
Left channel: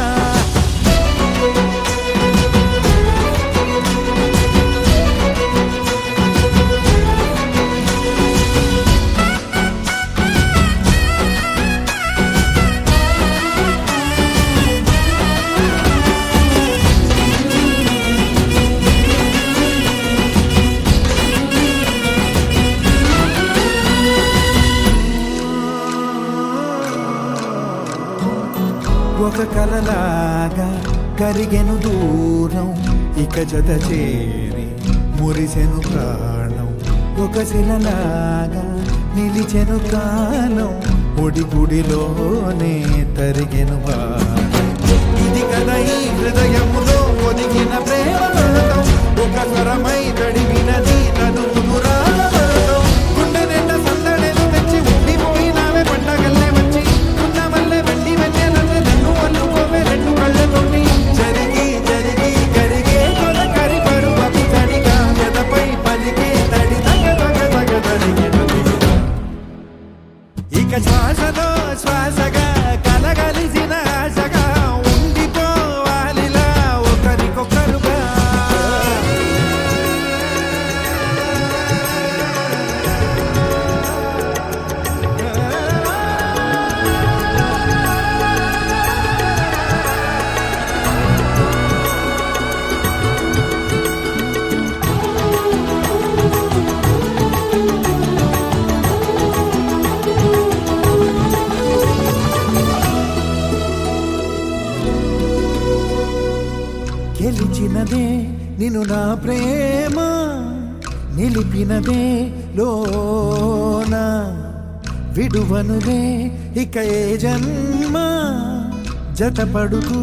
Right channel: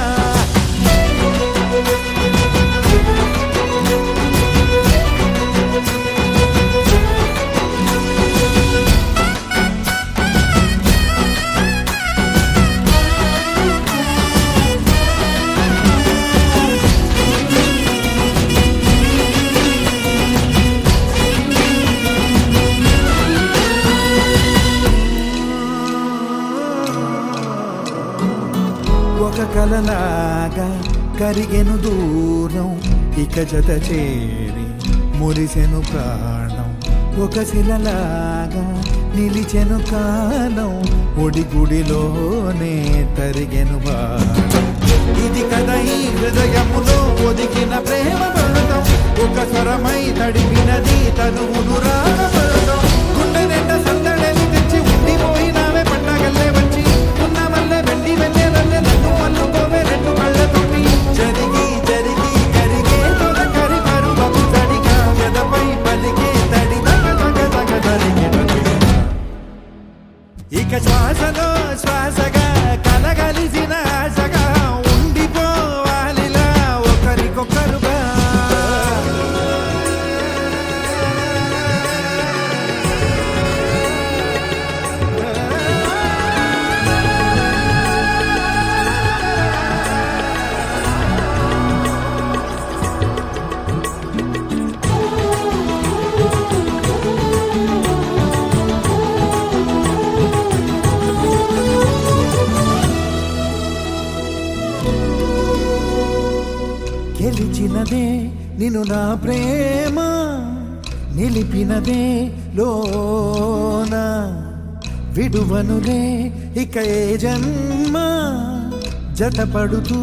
ఒక కలలాగా కరిగెను దూరం ఇక జత చేరి మురిసెను ప్రాణం ఒక శిలలాగా నిలిచెను కాలం ఒడిగుడిలోనే తరిగెను వారం ఇది కదా ఈ హృదయములో ఒదిగిన ప్రేమ పడతాం ఒక స్వరమై తడివినది తనువును రాగపడతాం గుండె నిండా సందడేలు తెచ్చి ఉండిపోయినావే పండగల్లే వచ్చి మల్లె వెండి వెన్నెలల్లే నన్ను అల్లుకోవే రెండు కళ్ళతోటి జరిగి జరిగి కరిగే తొల కరి పరువపు తడిగా ఎదపై పలికే తడి తగ తగ తగ తరిగిన ఇక శ్వాసలో శ్వాసగా కలగలిసిన ఆశగా ఉండిపోవాలిలా ఒకరికొకరుగా. గెలిచినదే నిన్ను నా ప్రేమ నిలిపినదే లోనా విడువనులే ఇక ఏ జన్మ జతపడుతూ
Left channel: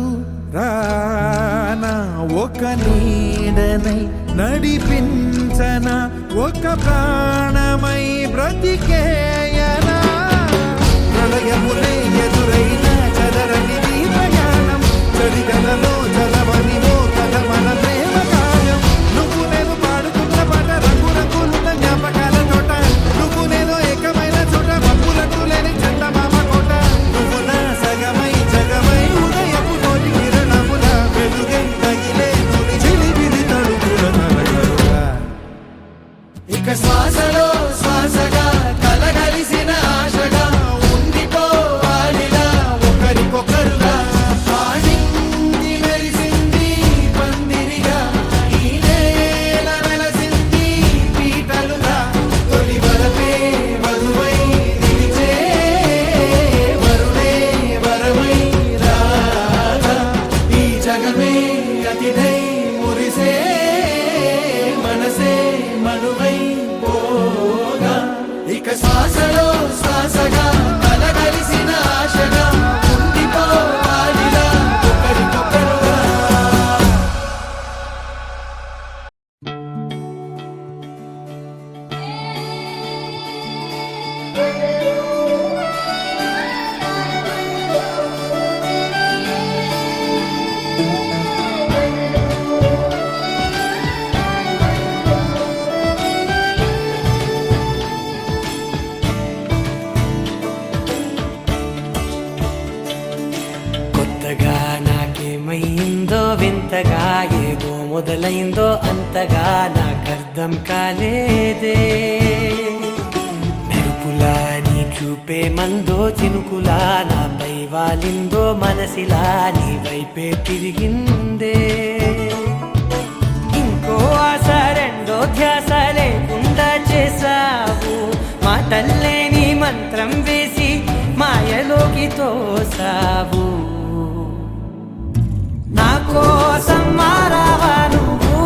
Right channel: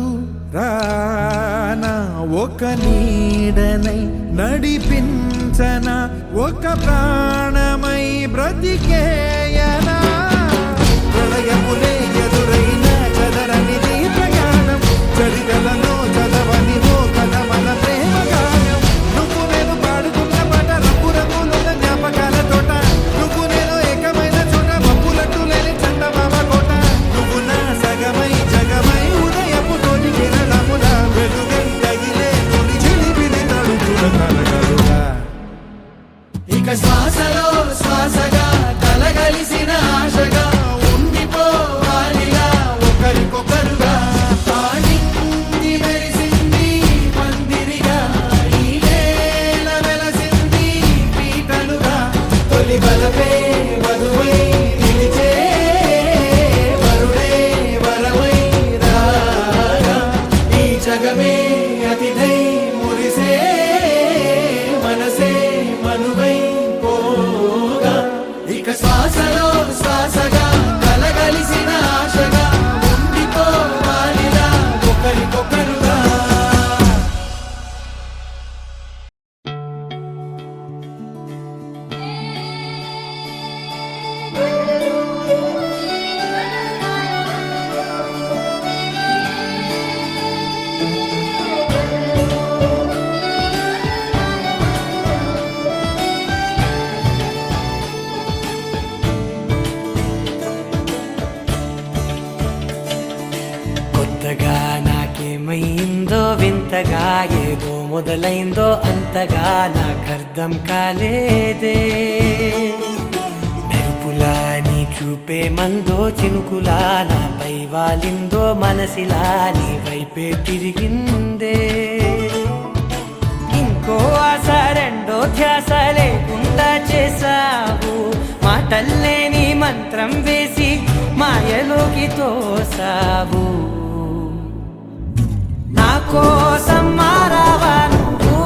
రానా ఒక నీడనై నడిపించన ఒక ప్రాణమై బ్రతికేయనా ప్రళయములే ఎదురైన చదరనిది ప్రయాణం చరితలలో చదవని ఓ కథ మన ప్రేమ గాయం నువ్వు నేను పాడుతున్న పాట రంగు రంగులున్న జ్ఞాపకాల తోట నువ్వు నేను ఏకమైన చోట మబ్బులట్టు లేని చందమామ కోట నువ్వు నా సగమై జగమై ఉదయపు తోటి కిరణముల వెలుగై తగిలే నులి చిలిబిలి తడుపుల తరగలుగా ఇక శ్వాసలో శ్వాసగా కలగలిసిన ఆశగా ఉండిపోవాలిలా ఒకరికొకరుగా నింగి మెరిసింది పందిరిగా ఈ నేల వెలసింది పీటలుగా తొలి వలపే వధువై నిలిచే వరుడే వరమై రాగా ఈ జగమే అతిథై మురిసే మనసే మనువై పోగా ఇక శ్వాసలో శ్వాసగా కొత్తగా నాకేమైందో వింతగా ఏదో మొదలైందో అంతగా నాకర్థం కాలేదే మెరుపులా నీ చూపే మందో చినుకులా నాపై వాలిందో మనసిలా నీ వైపే తిరిగిందే ఇంకో ఆశ రెండో ధ్యాస లేకుండా చేసావు మాటల్లేని మంత్రం వేసి మాయలోకి తోసావు నా కోసం మారావా నువ్వు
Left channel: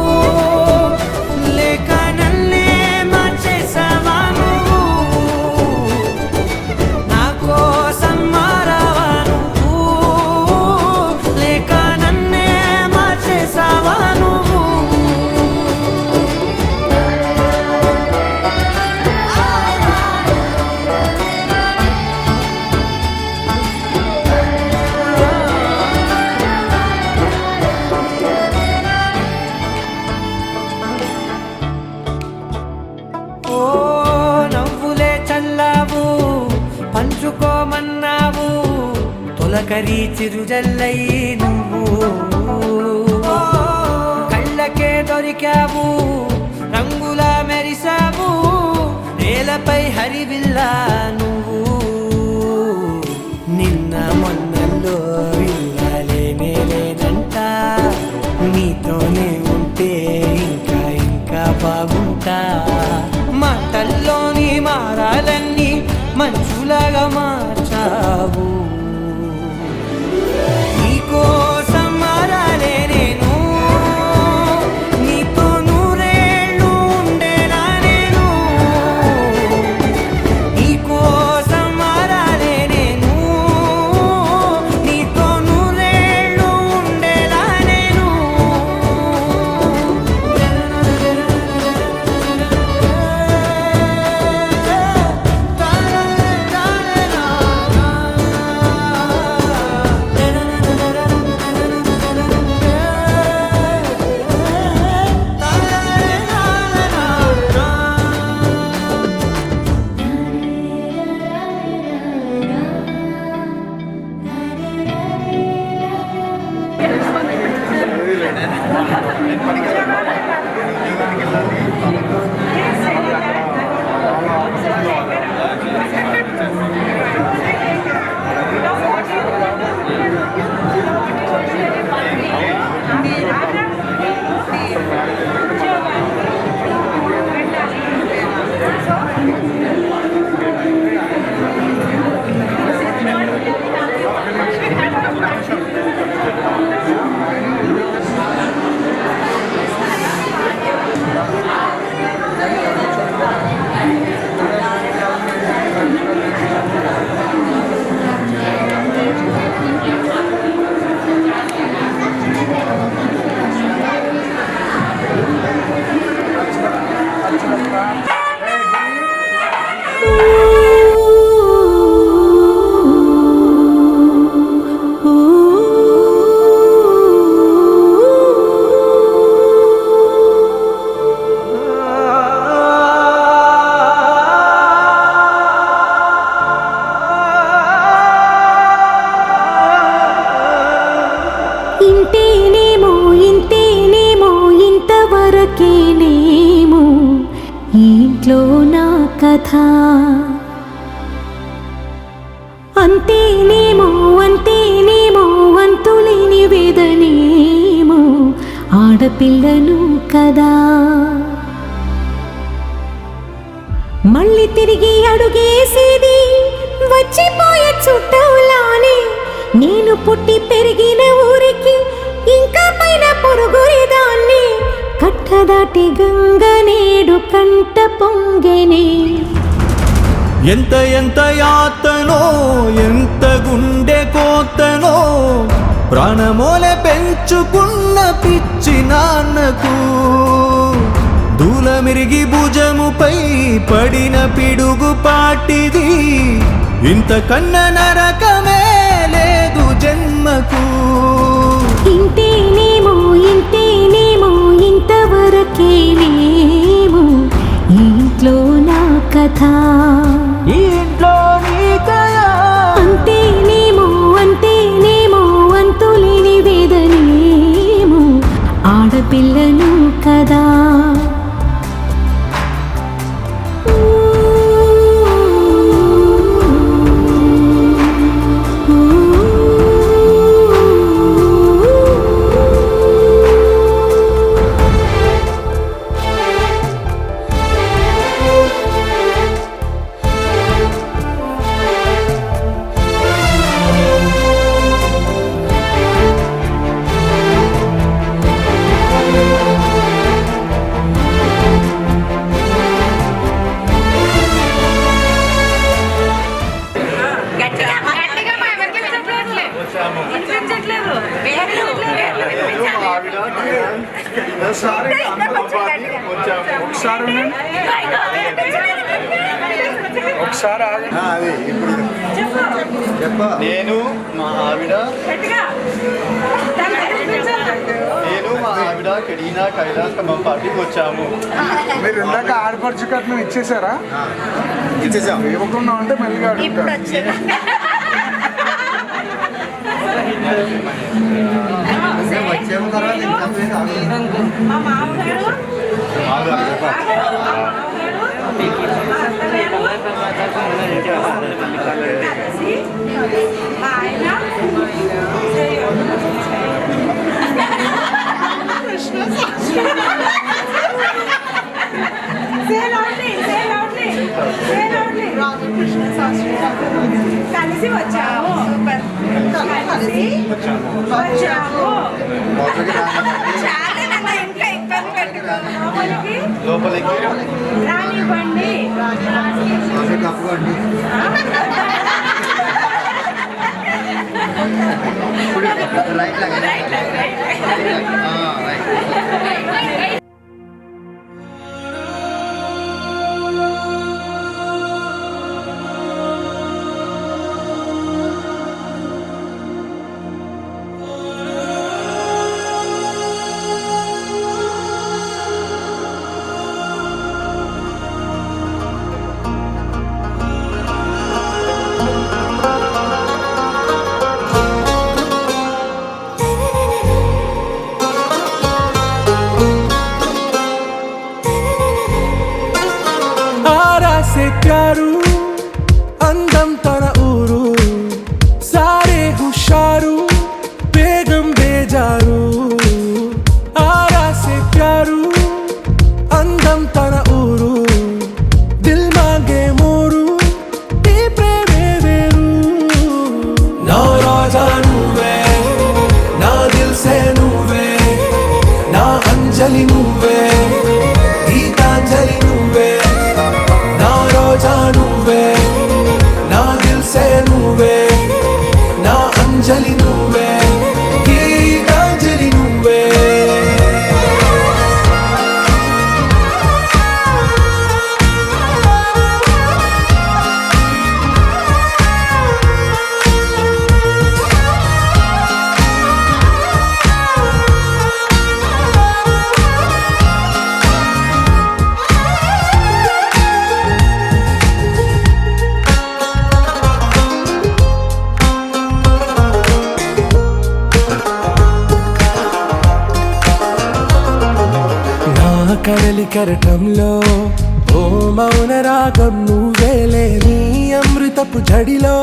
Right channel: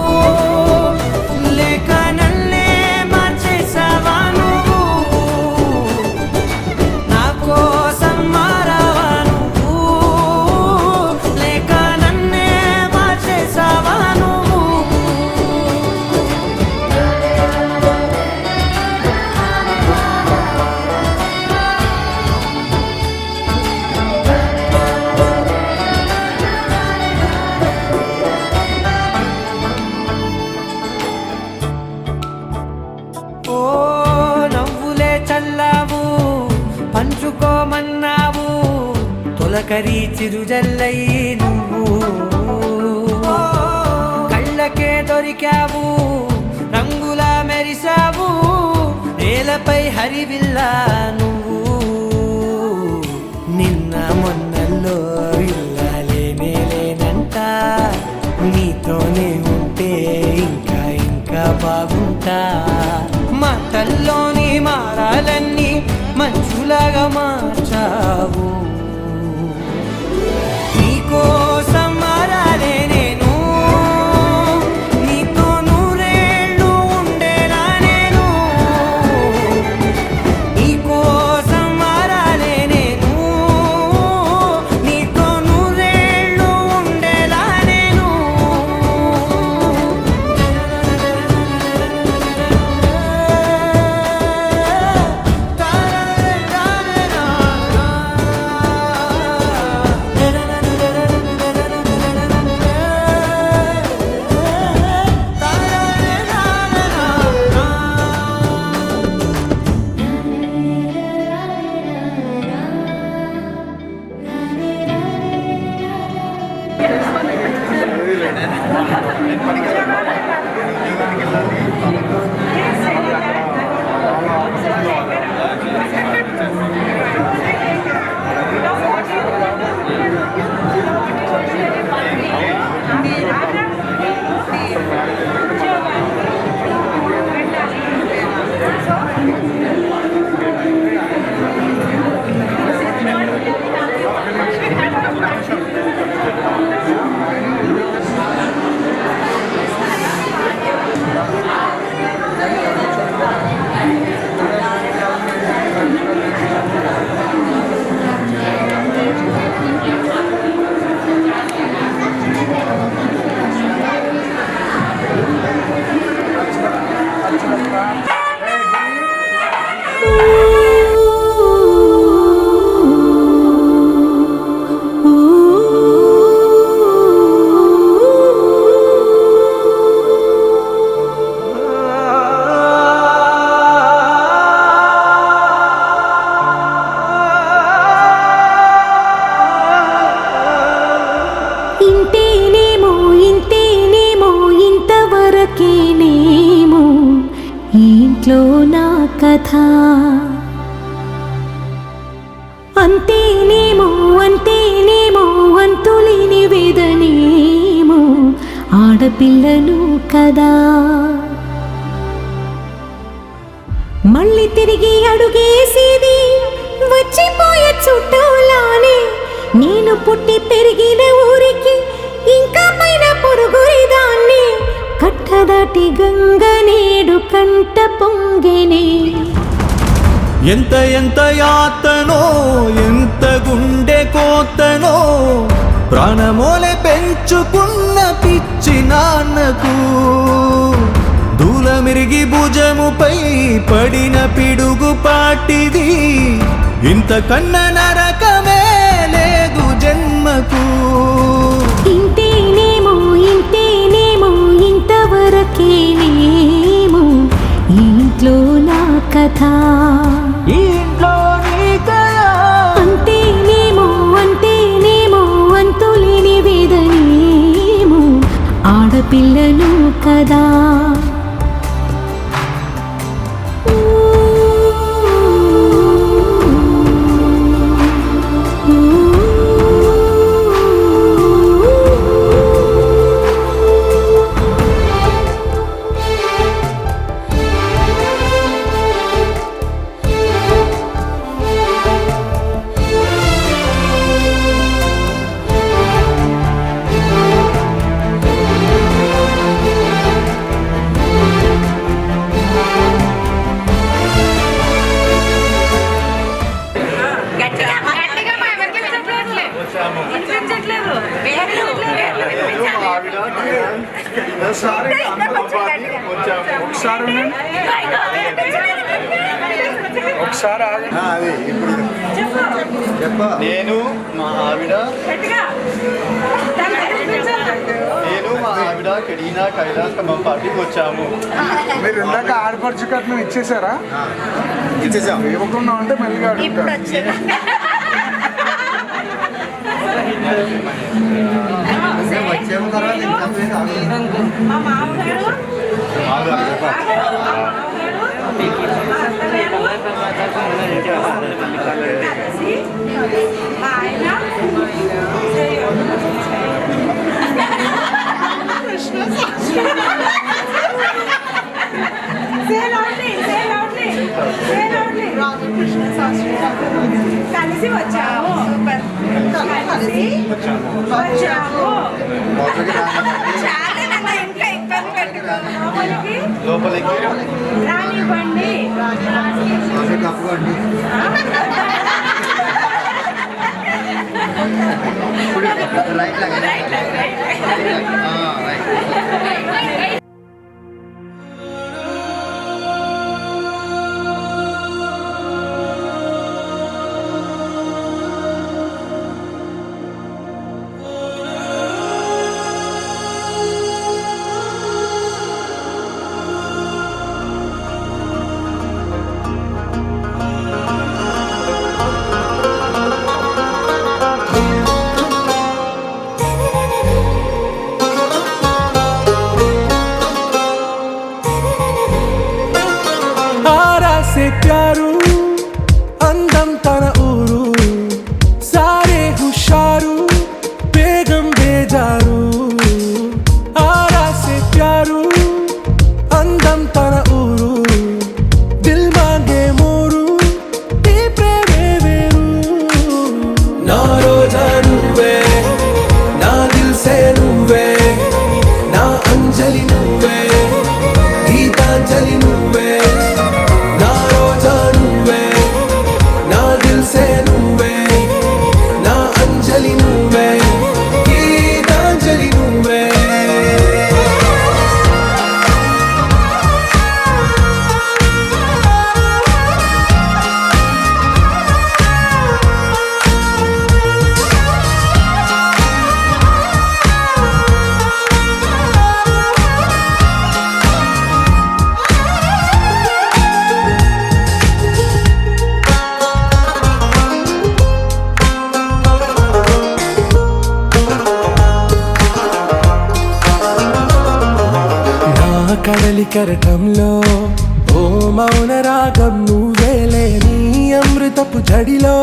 లేక నన్నే మార్చేసావా నువ్వు నా కోసం మారావా నువ్వు లేక నన్నే మార్చేసావా నువ్వు ఓ నవ్వులే చల్లావు పంచుకోమన్నావు తొలకరి చిరుజల్లై నువ్వు కళ్ళకే దొరికావు రంగులా మెరిసావు నేలపై హరివిల్లా నువ్వు నిన్న మొన్నల్లో ఇల్లాలేనే లేనంట నీతోనే ఉంటే ఇంకా ఇంకా బాగుంటా మాటల్లోని మారాలన్నీ మంచులాగా మార్చావు నీకోసం మారాలే నేను నీతో నూరేళ్ళు ఉండేనా నేను నీకోసం మారాలే నేను నీతో నూరేళ్ళు ఉండేలా నేను ఇంతేనేమో ఇంతేనేమో ఇంతవరకేనేమో ఈ ఇంట్లో నా కథ అంతేనేమో అంతేనేమో అంతులేని వేదనేమో ఆడపిల్లను కదా మళ్ళీ తిరిగి అడుగేసేది వచ్చిపోయే చుట్టూలానే నేను పుట్టి పెరిగిన ఊరికి ఇంకా పైన పొరుగురిదాన్ని కట్టదాటి గంగ నేడు కంట పొంగెనే ఎంత ఎంత యాతనో ఎంత గుండె కోతనో ప్రాణమోలే పెంచుకున్న పిచ్చి నాన్నకు దూలమిరిగి భుజముపై పడిన పిడుగు పాటిది ఇంతకన్న నరకమే లేదు జన్మకు ఇంతేనేమో ఇంతేనేమో ఇంతవరకేనేమో ఈ ఇంట్లో నా కథ ఈ ఇంట్లో నీ కథ అంతేనేమో అంతేనేమో ఒకసారి నేను మా ఆవిడ కరీనా కైలాస్ ఖమ్మం పార్టీకి వచ్చాము. మీరు ఇందాక ఆడపడుచు కట్నం ఇచ్చేసారా? ఇచ్చేసాం. ఇవ్వకుండా ఉంటే మెల్లిగా అడుగుతారు. వచ్చేమ తర్వాత కలిసి వచ్చాము. చాలా ఇంకా ఇబ్బంది పెట్టుకోవాలి. లోపలికి రానివ్వండి. కప్పుకోండి. आरा से प्यारू అందం తన ఊరు సారే హుషారు బేగం బేజారు ఆరా से प्यारू అందం తన ఊరు దిల్ మాంగే మోరు ఈ ప్రేమే వేరు నా రోజా నువ్వే నా దిల్ సే నువ్వే నా అంజలి నువ్వే గీతాంజలి నువ్వే నా రోజా నువ్వే నా దిల్ సే నువ్వే నా అంజలి నువ్వే గీతాంజలి నువ్వే కడలి కరటంలో ఓ మౌన రాగం నువ్వేలే నీ అమృతపు జడిలో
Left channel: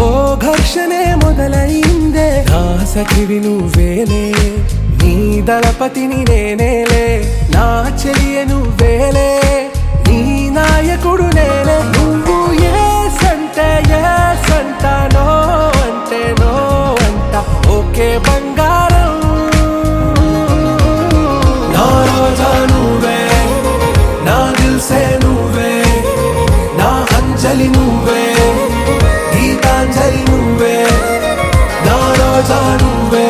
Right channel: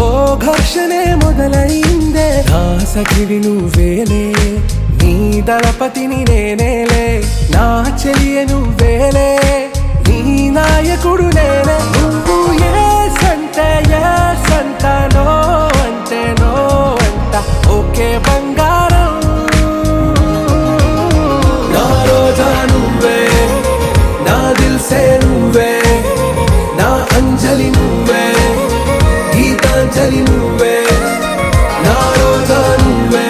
ఓ ఘర్షణే మొదలైందే నా సఖివి నువ్వేలే నీ దళపతిని నేనేలే నా చెలియ నువ్వేలే నీ నాయకుడు నేనే నువ్వు ఏ సంట నో అంటే నో అంట ఓకే బంగారం రోజా నువ్వే నా దిల్ సే నువ్వే నా అంజలి నువ్వే గీతాంజలి నువ్వే నా రోజా నువ్వే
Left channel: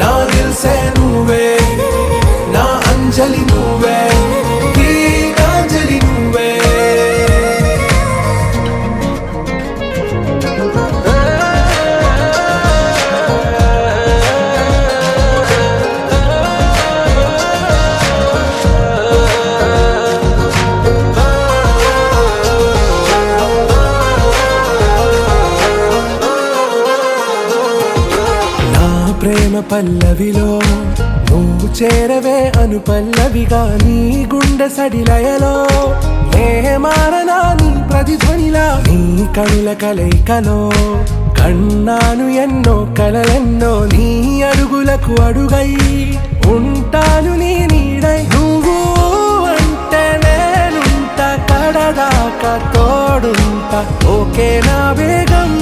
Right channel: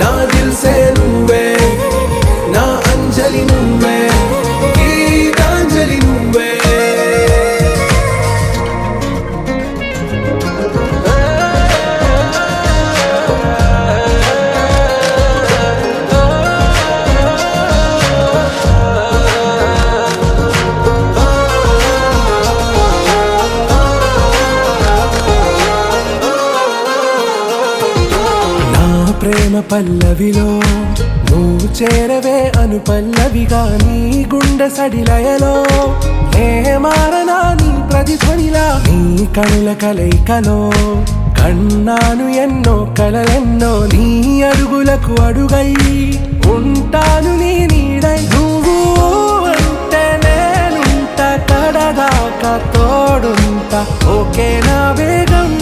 నా దిల్ సే నువ్వే నా అంజలి నువ్వే గీతాంజలి నువ్వే ప్రేమ పల్లవిలో నువ్వు చేరవే అను పల్లవిగా నీ గుండె సడిలయలో నే మారనా నీ ప్రతిధ్వనిలా నీ కనుల కలయికలో కన్నాను ఎన్నో కలలెన్నో నీ అడుగులకు అడుగై ఉంటాను నీ నీడై నువ్వు అంటే నేనుంట కడదాకా తోడుంట ఓకే నా బేగం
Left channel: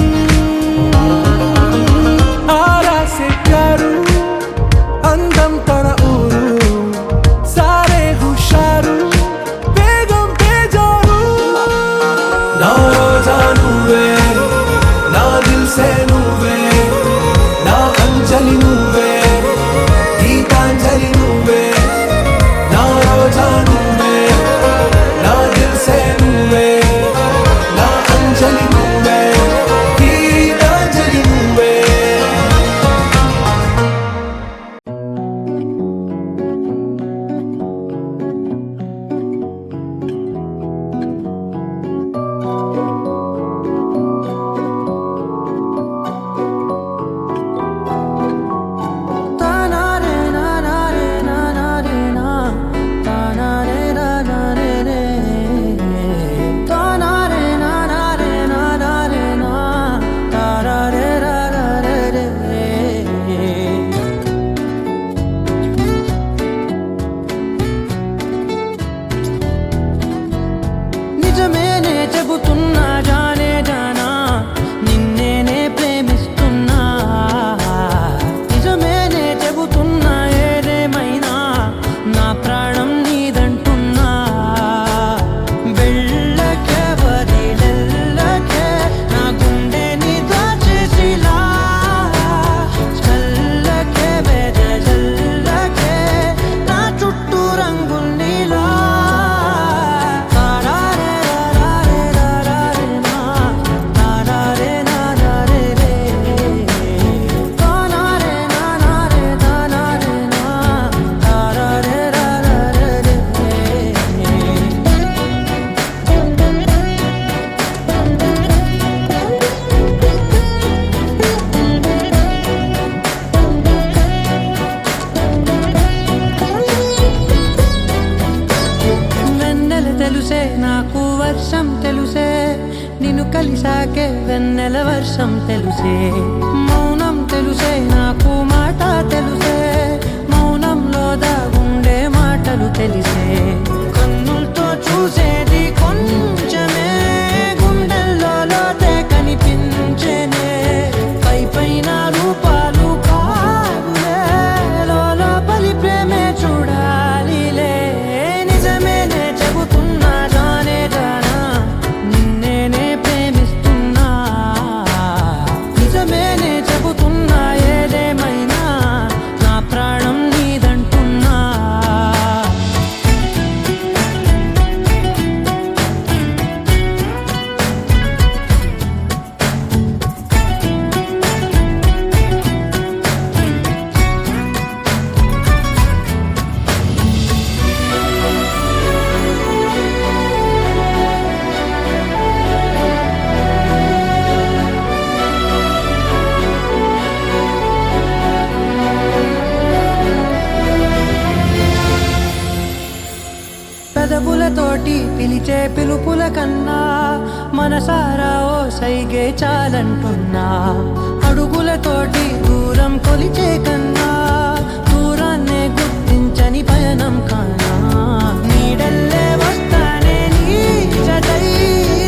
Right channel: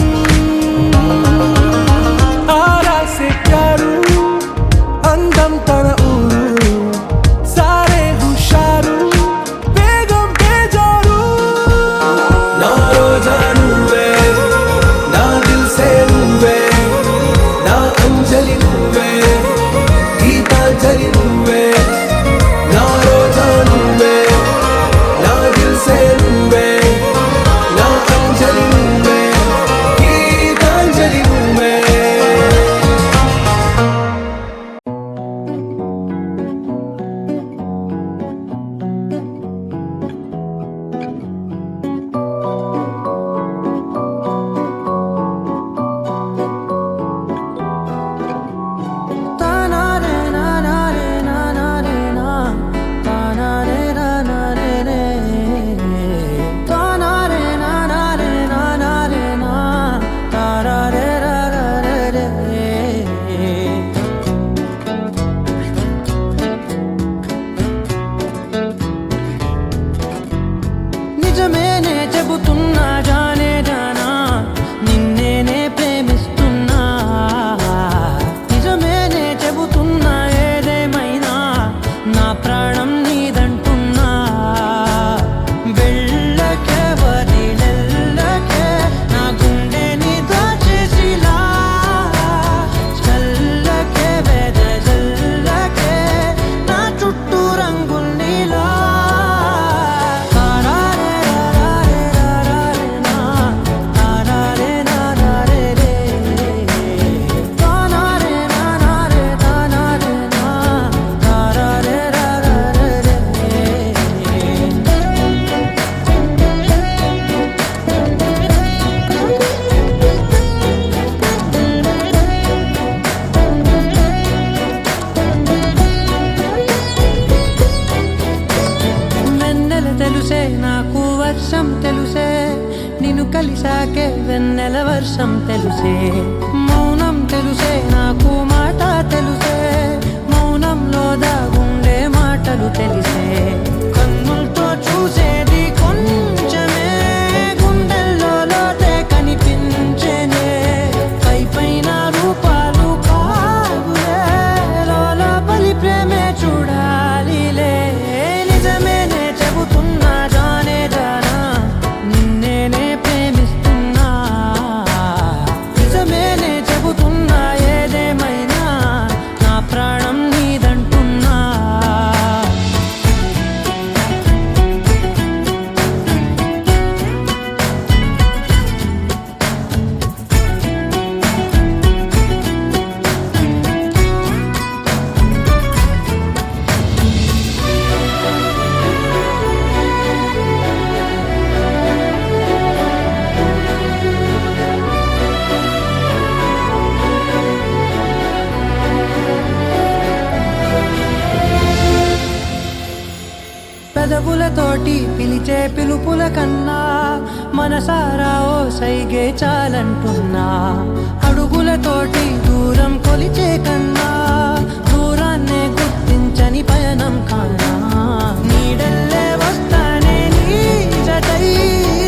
ఆరా से प्यारू అందం తన ఊరు సారే హుషారు బేగం బేజారు నా రోజా నువ్వే నా దిల్ సే నువ్వే నా అంజలి నువ్వే వర్షం తెలుసే నిన్ను కలిసాకే వెన్నెల వర్షం తెలుసే మౌనం తెలుసే నాకు మాట తెలుసే మౌనంలో దాగుండే మాటలు తెలిసే కన్నులతో చూసేది కొంచెమే గుండెల్లో లోతే కనిపించేనే పై పైన రూపాలు కాదులే లోపలి ప్రేమే చూడాలిలే నిజమేనే చెబుతున్నా జానే జానా నిన్నేనే ప్రేమిస్తున్నా నిజమేనే చెబుతున్నా ఏదేమైనా నా ప్రాణం నీదంటున్నా పెదవులతోటి పిలిచే పిలుపుల కన్నా మనసారా ఓ సైగే చాలంటున్నా అడుగులతోటి దూరం కొలిచే కన్నా దూరాన్నే గుర్తించని పయనం కానా నీడల్లే వస్తానే నీ జతై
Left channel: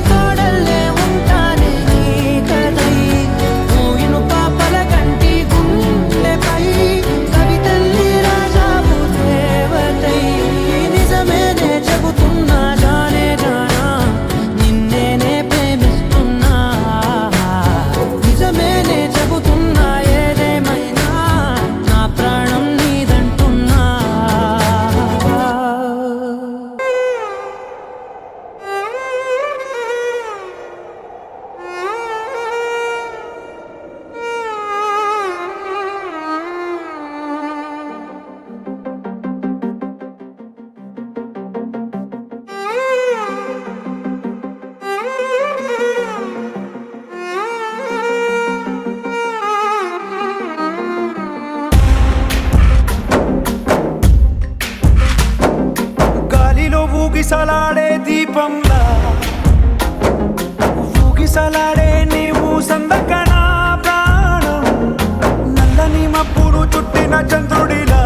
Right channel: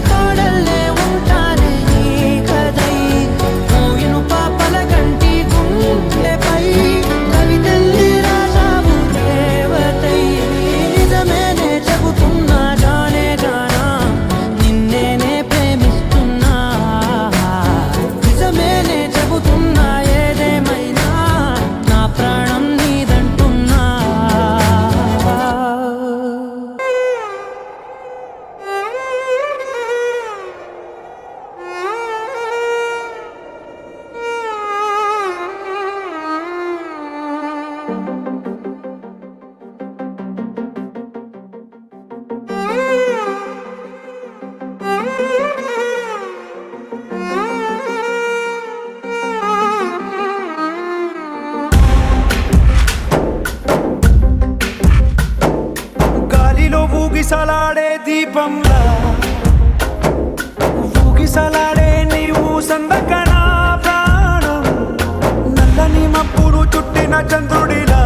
తోడల్లే ఉంటానే నీ కదై మోయిను పాపల కంటి గుండెపై కవితల్లి రాజావు దేవతై నిజమేనే చెబుతున్నా జానే జానా నిన్నేనే ప్రేమిస్తున్నా నిజమేనే చెబుతున్నా ఏదేమైనా నా ప్రాణం నీదంటున్నా గాలిలో ఊగిసలాడే దీపంలా ఊగిసలాడే నీవు సందకనా ప్రాణం నల్లని మబ్బులు చుట్టిన చంద్రుడిలా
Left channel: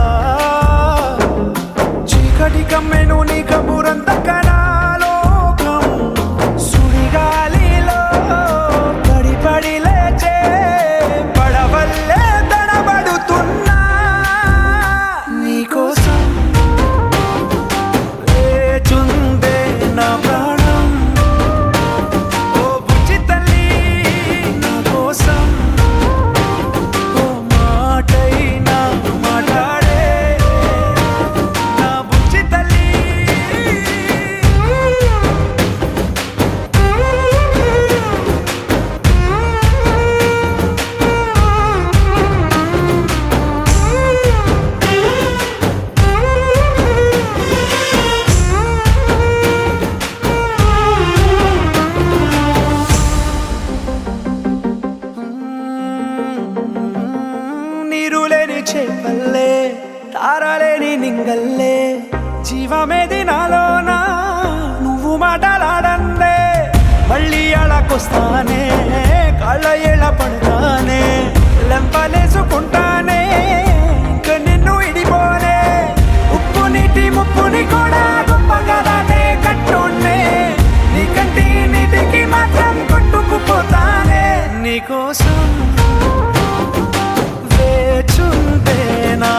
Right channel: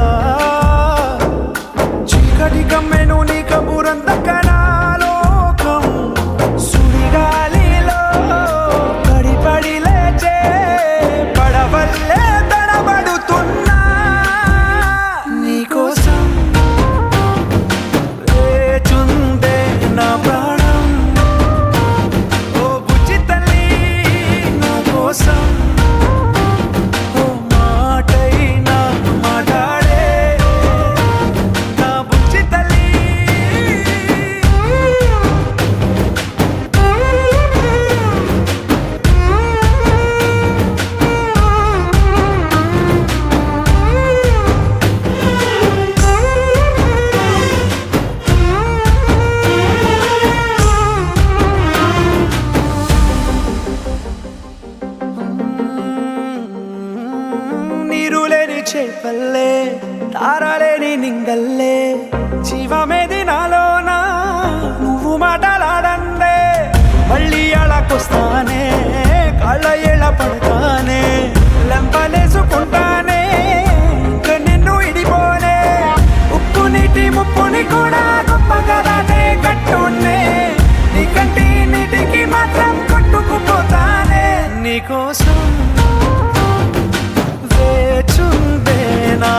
చీకటి కమ్మెను నీ కబురందకనా లోకం సుడిగాలిలో పడి పడి లేచే పడవల్లే తడబడుతున్నా నీకోసం వేచుందే నా ప్రాణం ఓ బుజ్జి తల్లి నా కోసం ఓ మాటైనా మాట్లాడే నా బుజ్జి తల్లి నీరులేని చేపల్లే తారలేని నింగల్లే జీవమేది నాలోనా నువ్వు మాటలాడందే మళ్ళీ అళకొస్తానే కాళ్ళ ఏళ్ళ పడతానే లెంపలేసుకుంటానే ఇంక నిన్ను ఇడిపోనే ఉప్పు నీటి ముప్పుని కూడా గొప్పగలానే కట్టున్నే నీ కంటి నీటికి మాత్రం కొట్టుకుపోతానే నీకోసం వేచుందే నా